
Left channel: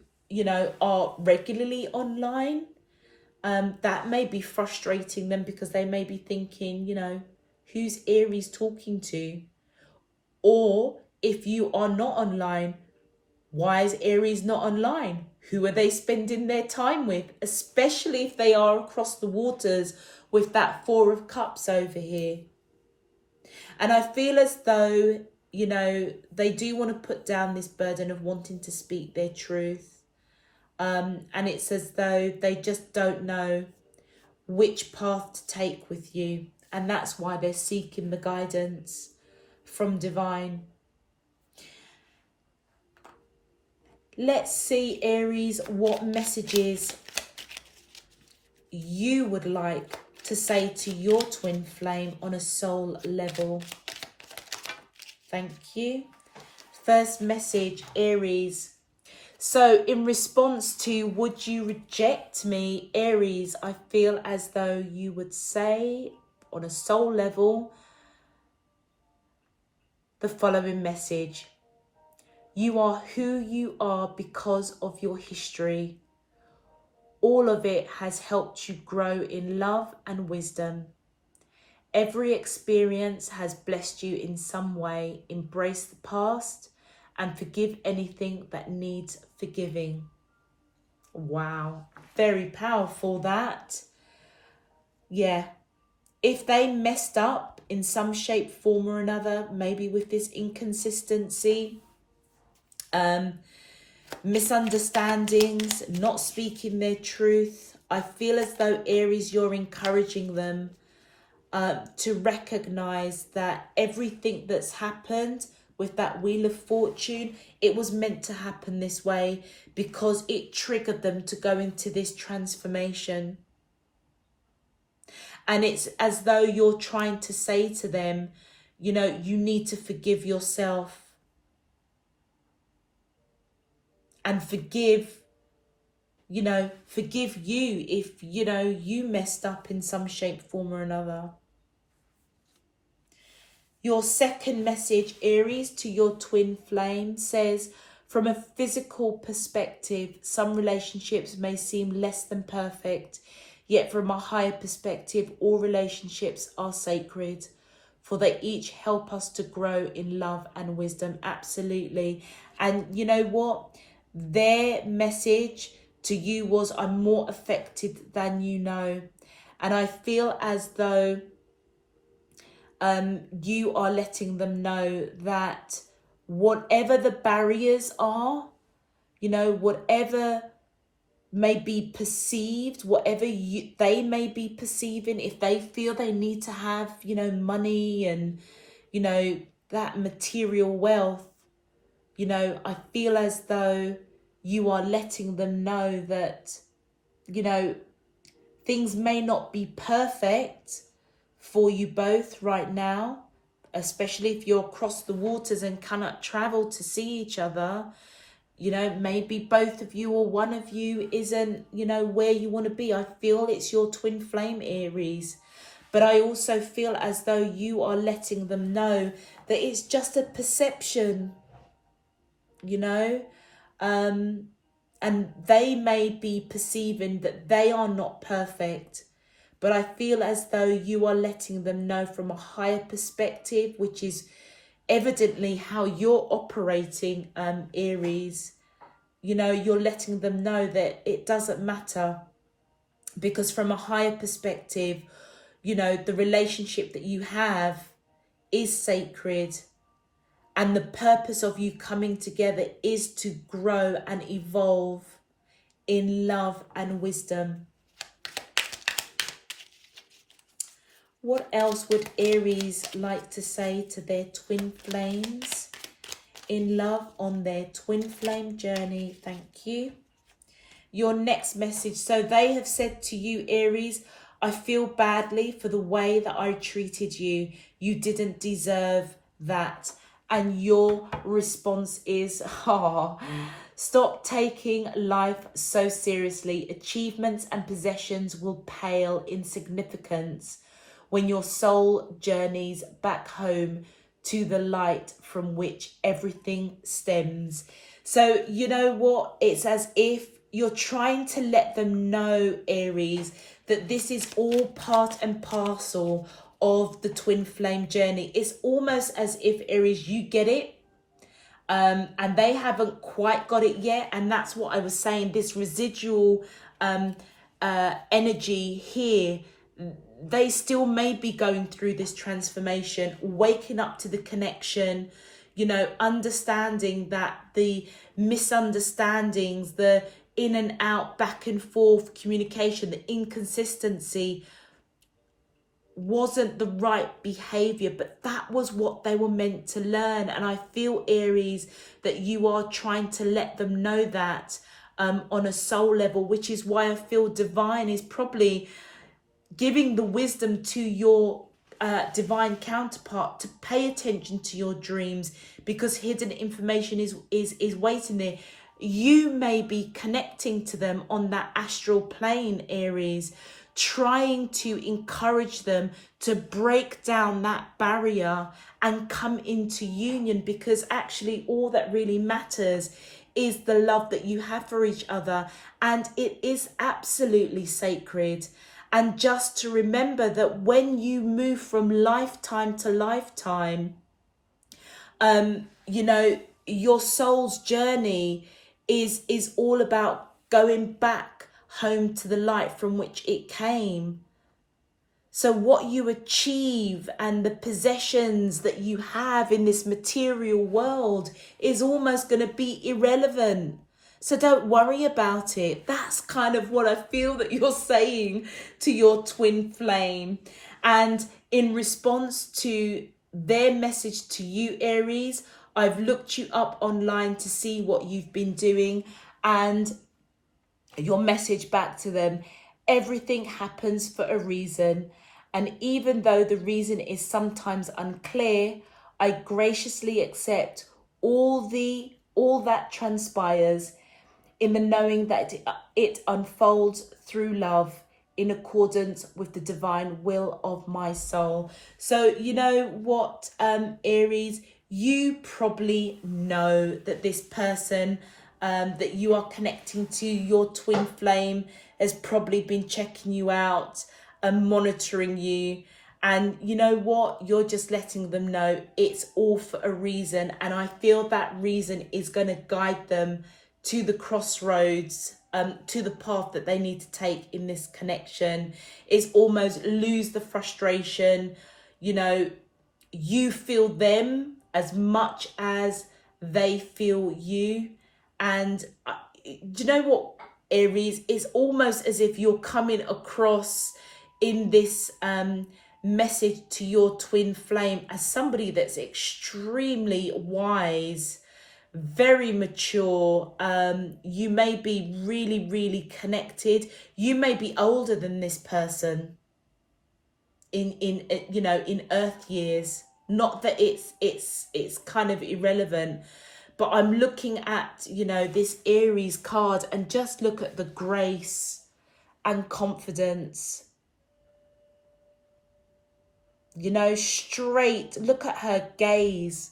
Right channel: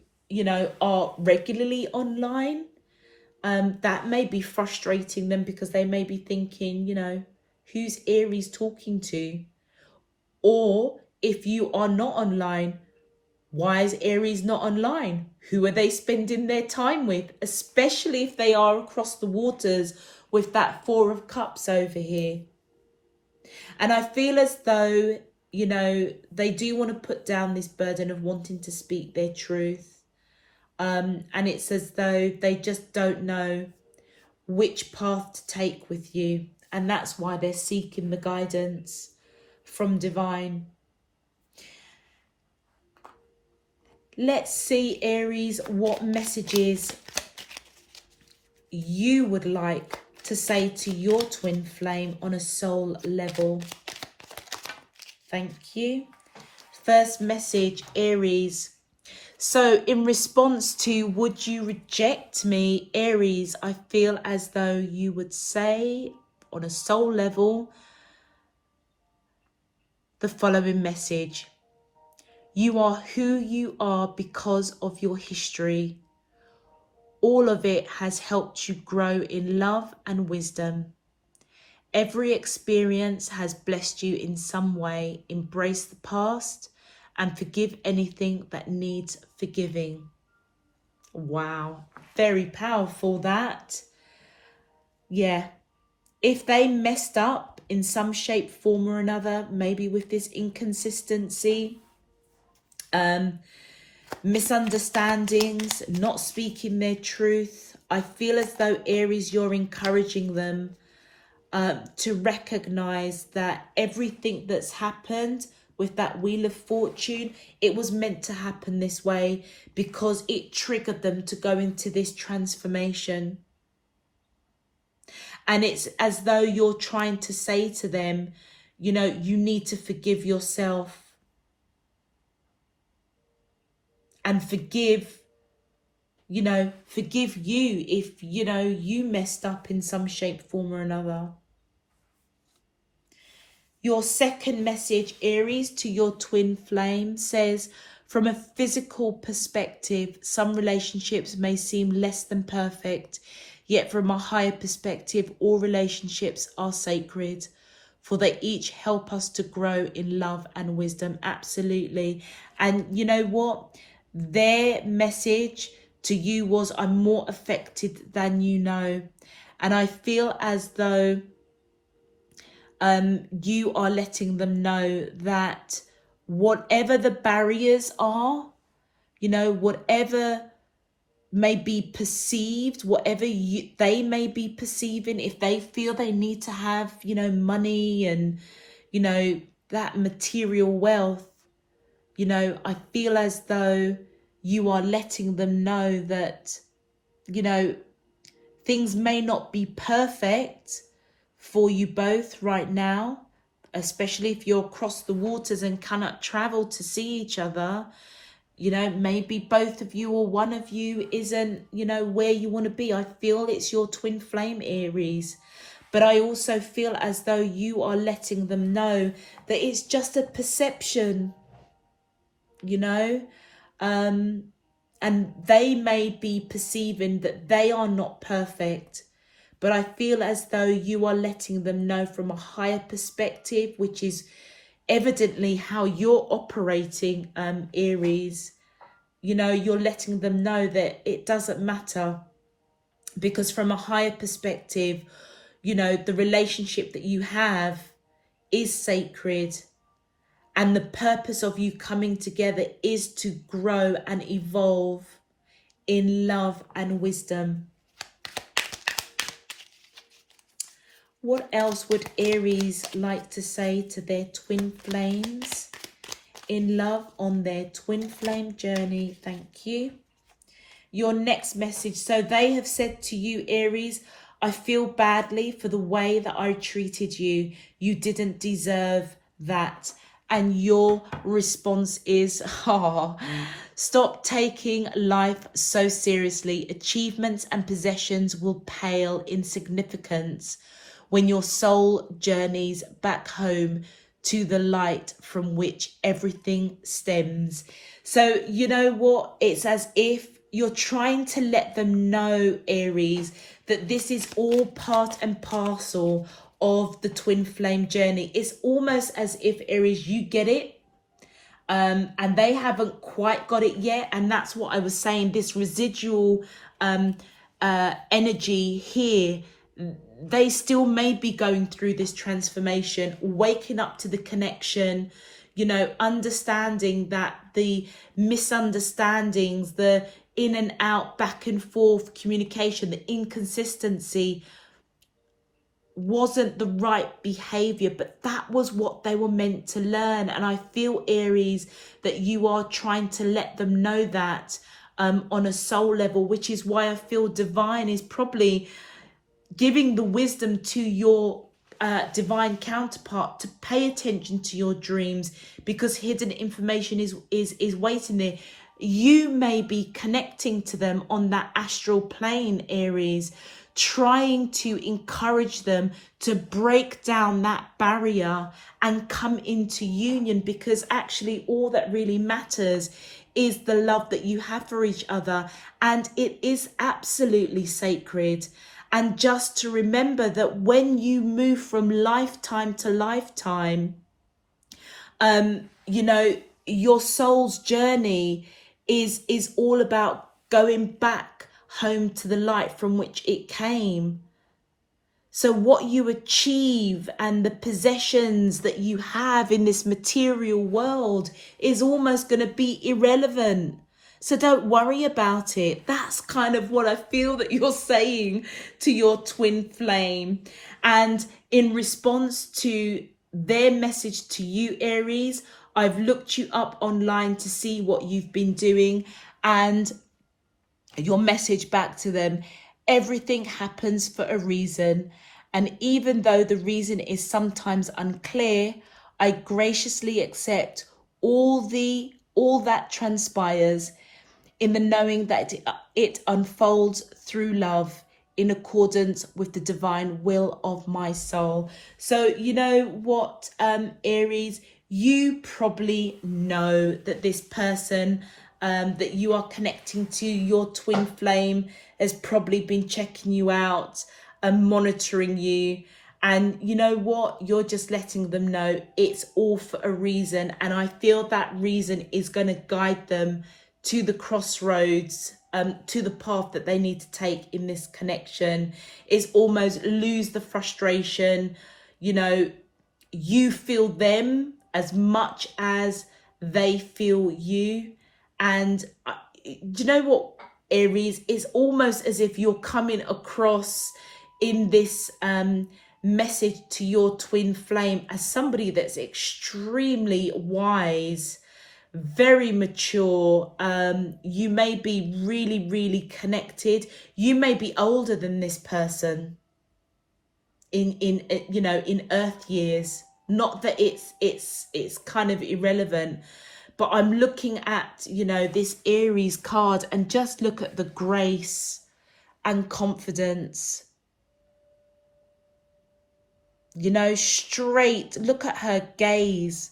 are regularly online, that may be frustrating them, because they may be thinking, who's Aries talking to? Or if you are not online, why is Aries not online? Who are they spending their time with? Especially if they are across the waters with that Four of Cups over here. And I feel as though, they do want to put down this burden of wanting to speak their truth. And it's as though they just don't know which path to take with you. And that's why they're seeking the guidance from Divine. Let's see, Aries, what messages you would like to say to your twin flame on a soul level. Thank you. First message, Aries. So in response to would you reject me, Aries, I feel as though you would say on a soul level the following message. You are who you are because of your history. All of it has helped you grow in love and wisdom. Every experience has blessed you in some way. Embrace the past and forgive anything that needs forgiving. Wow, very powerful that. Yeah, if they messed up in some shape, form or another, maybe with this inconsistency, misunderstandings, not speaking their truth, I feel as though, Aries, you're encouraging them to recognize that everything that's happened with that Wheel of Fortune, it was meant to happen this way because it triggered them to go into this transformation. And it's as though you're trying to say to them, you need to forgive yourself. and forgive you if you messed up in some shape, form or another. Your second message, Aries, to your twin flame says, from a physical perspective, some relationships may seem less than perfect, yet from a higher perspective, all relationships are sacred, for they each help us to grow in love and wisdom. Absolutely. And you know what? Their message to you was, I'm more affected than you know. And I feel as though you are letting them know that whatever the barriers are, whatever may be perceived, whatever they may be perceiving, if they feel they need to have, money and, that material wealth, I feel as though you are letting them know that, things may not be perfect for you both right now, especially if you're across the waters and cannot travel to see each other. Maybe both of you or one of you isn't, where you want to be. I feel it's your twin flame, Aries. But I also feel as though you are letting them know that it's just a perception, and they may be perceiving that they are not perfect. But I feel as though you are letting them know from a higher perspective, which is evidently how you're operating, Aries. You're letting them know that it doesn't matter, because from a higher perspective, the relationship that you have is sacred. And the purpose of you coming together is to grow and evolve in love and wisdom. What else would Aries like to say to their twin flames in love on their twin flame journey? Thank you. Your next message. So they have said to you, Aries, I feel badly for the way that I treated you. You didn't deserve that. And your response is, stop taking life so seriously. Achievements and possessions will pale in significance when your soul journeys back home to the light from which everything stems. So you know what? It's as if you're trying to let them know, Aries, that this is all part and parcel of the twin flame journey. It's almost as if, Aries, you get it, and they haven't quite got it yet. And that's what I was saying, this residual energy here. They still may be going through this transformation, waking up to the connection, understanding that the misunderstandings, the in and out, back and forth communication, the inconsistency wasn't the right behavior, but that was what they were meant to learn. And I feel, Aries, that you are trying to let them know that on a soul level, which is why I feel divine is probably giving the wisdom to your divine counterpart to pay attention to your dreams, because hidden information is waiting there. You may be connecting to them on that astral plane, Aries, trying to encourage them to break down that barrier and come into union, because actually all that really matters is the love that you have for each other, and it is absolutely sacred. And just to remember that when you move from lifetime to lifetime, your soul's journey is all about going back home to the light from which it came. So what you achieve and the possessions that you have in this material world is almost going to be irrelevant. So don't worry about it. That's kind of what I feel that you're saying to your twin flame. And in response to their message to you, Aries, I've looked you up online to see what you've been doing, and your message back to them: everything happens for a reason. And even though the reason is sometimes unclear, I graciously accept all that transpires, in the knowing that it unfolds through love in accordance with the divine will of my soul. So you know what, Aries, you probably know that this person that you are connecting to, your twin flame, has probably been checking you out and monitoring you. And you know what? You're just letting them know it's all for a reason. And I feel that reason is going to guide them to the crossroads, to the path that they need to take in this connection. Is almost lose the frustration. You know, you feel them as much as they feel you. And do you know what, Aries? It's almost as if you're coming across in this message to your twin flame as somebody that's extremely wise, very mature. You may be really, really connected. You may be older than this person in you know, in earth years. Not that it's kind of irrelevant, but I'm looking at, you know, this Aries card, and just look at the grace and confidence. You know, straight, look at her gaze,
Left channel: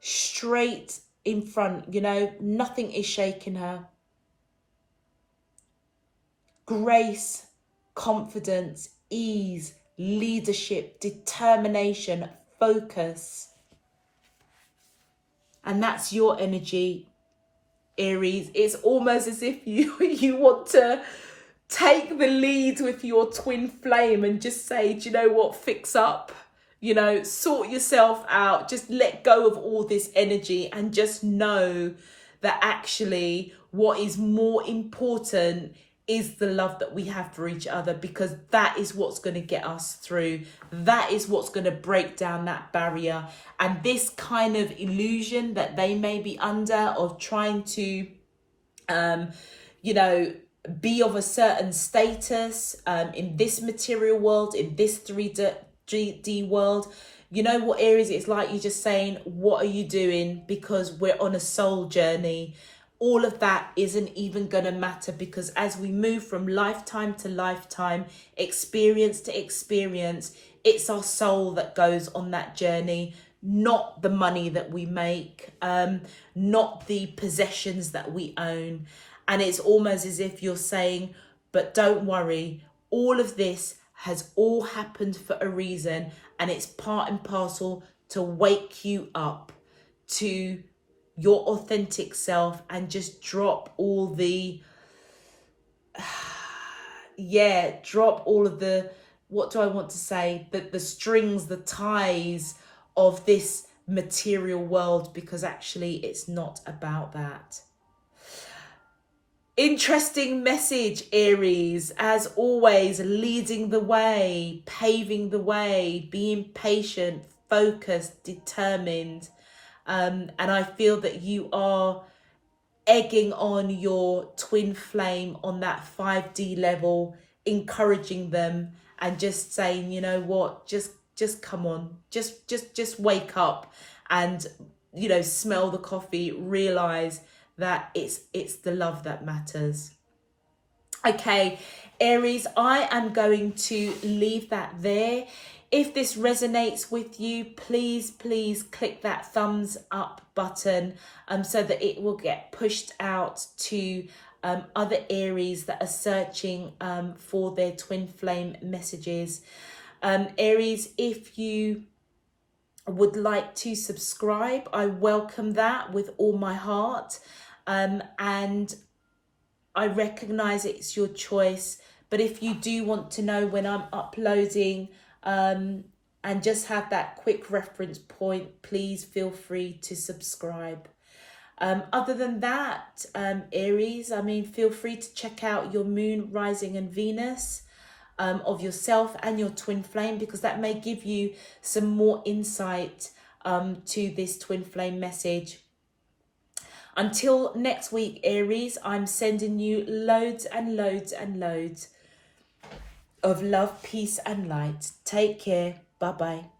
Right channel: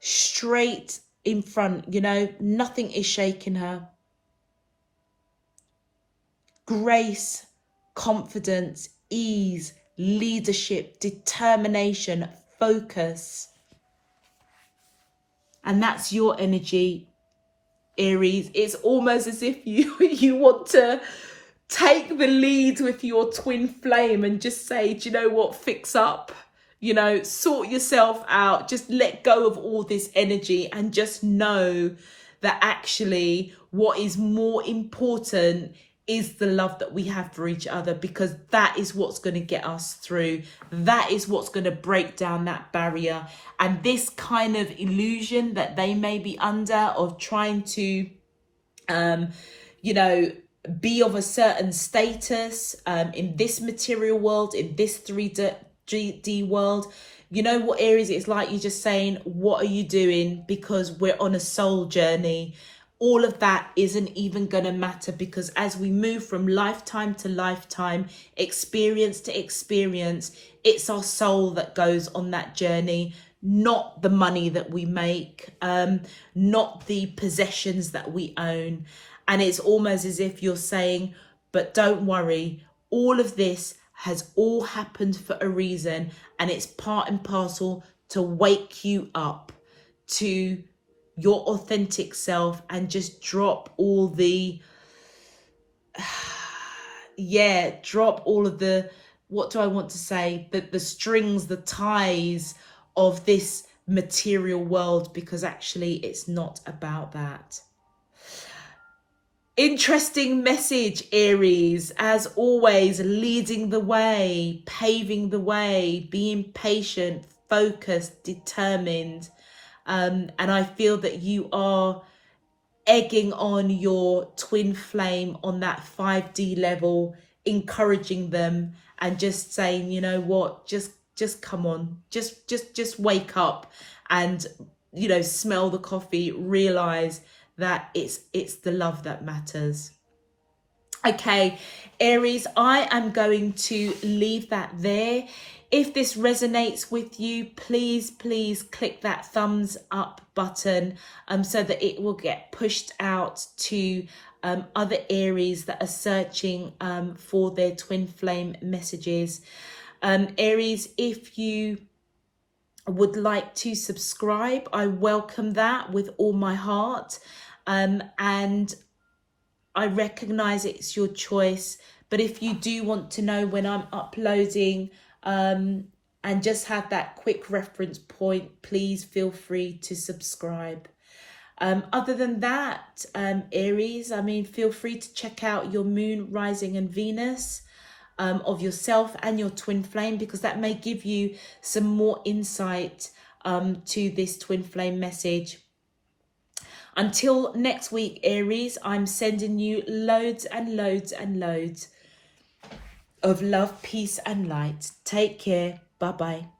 straight in front, you know, nothing is shaking her. Grace, confidence, ease, leadership, determination, focus. And that's your energy, Aries. It's almost as if you want to take the lead with your twin flame and just say, do you know what, fix up, you know, sort yourself out, just let go of all this energy and just know that actually what is more important is the love that we have for each other, because that is what's going to get us through. That is what's going to break down that barrier. And this kind of illusion that they may be under of trying to, you know, be of a certain status in this material world, in this 3D world. You know what, Aries, it's like you're just saying, what are you doing? Because we're on a soul journey. All of that isn't even going to matter, because as we move from lifetime to lifetime, experience to experience, it's our soul that goes on that journey, not the money that we make, not the possessions that we own. And it's almost as if you're saying, but don't worry, all of this has all happened for a reason, and it's part and parcel to wake you up to your authentic self and just drop all the drop all of the, what do I want to say, the strings, the ties of this material world, because actually it's not about that. Interesting message, Aries, as always, leading the way, paving the way, being patient, focused, determined. And I feel that you are egging on your twin flame on that 5D level, encouraging them and just saying, you know what, just come on, just wake up and, you know, smell the coffee, realize that it's the love that matters. Okay, Aries, I am going to leave that there. If this resonates with you, please click that thumbs up button so that it will get pushed out to other Aries that are searching for their twin flame messages. Aries, if you would like to subscribe, I welcome that with all my heart. And I recognize it's your choice, but if you do want to know when I'm uploading and just have that quick reference point, please feel free to subscribe. Other than that, Aries, I mean, feel free to check out your moon, rising and Venus of yourself and your twin flame, because that may give you some more insight to this twin flame message. Until next week, Aries, I'm sending you loads and loads and loads of love, peace and light. Take care. Bye-bye.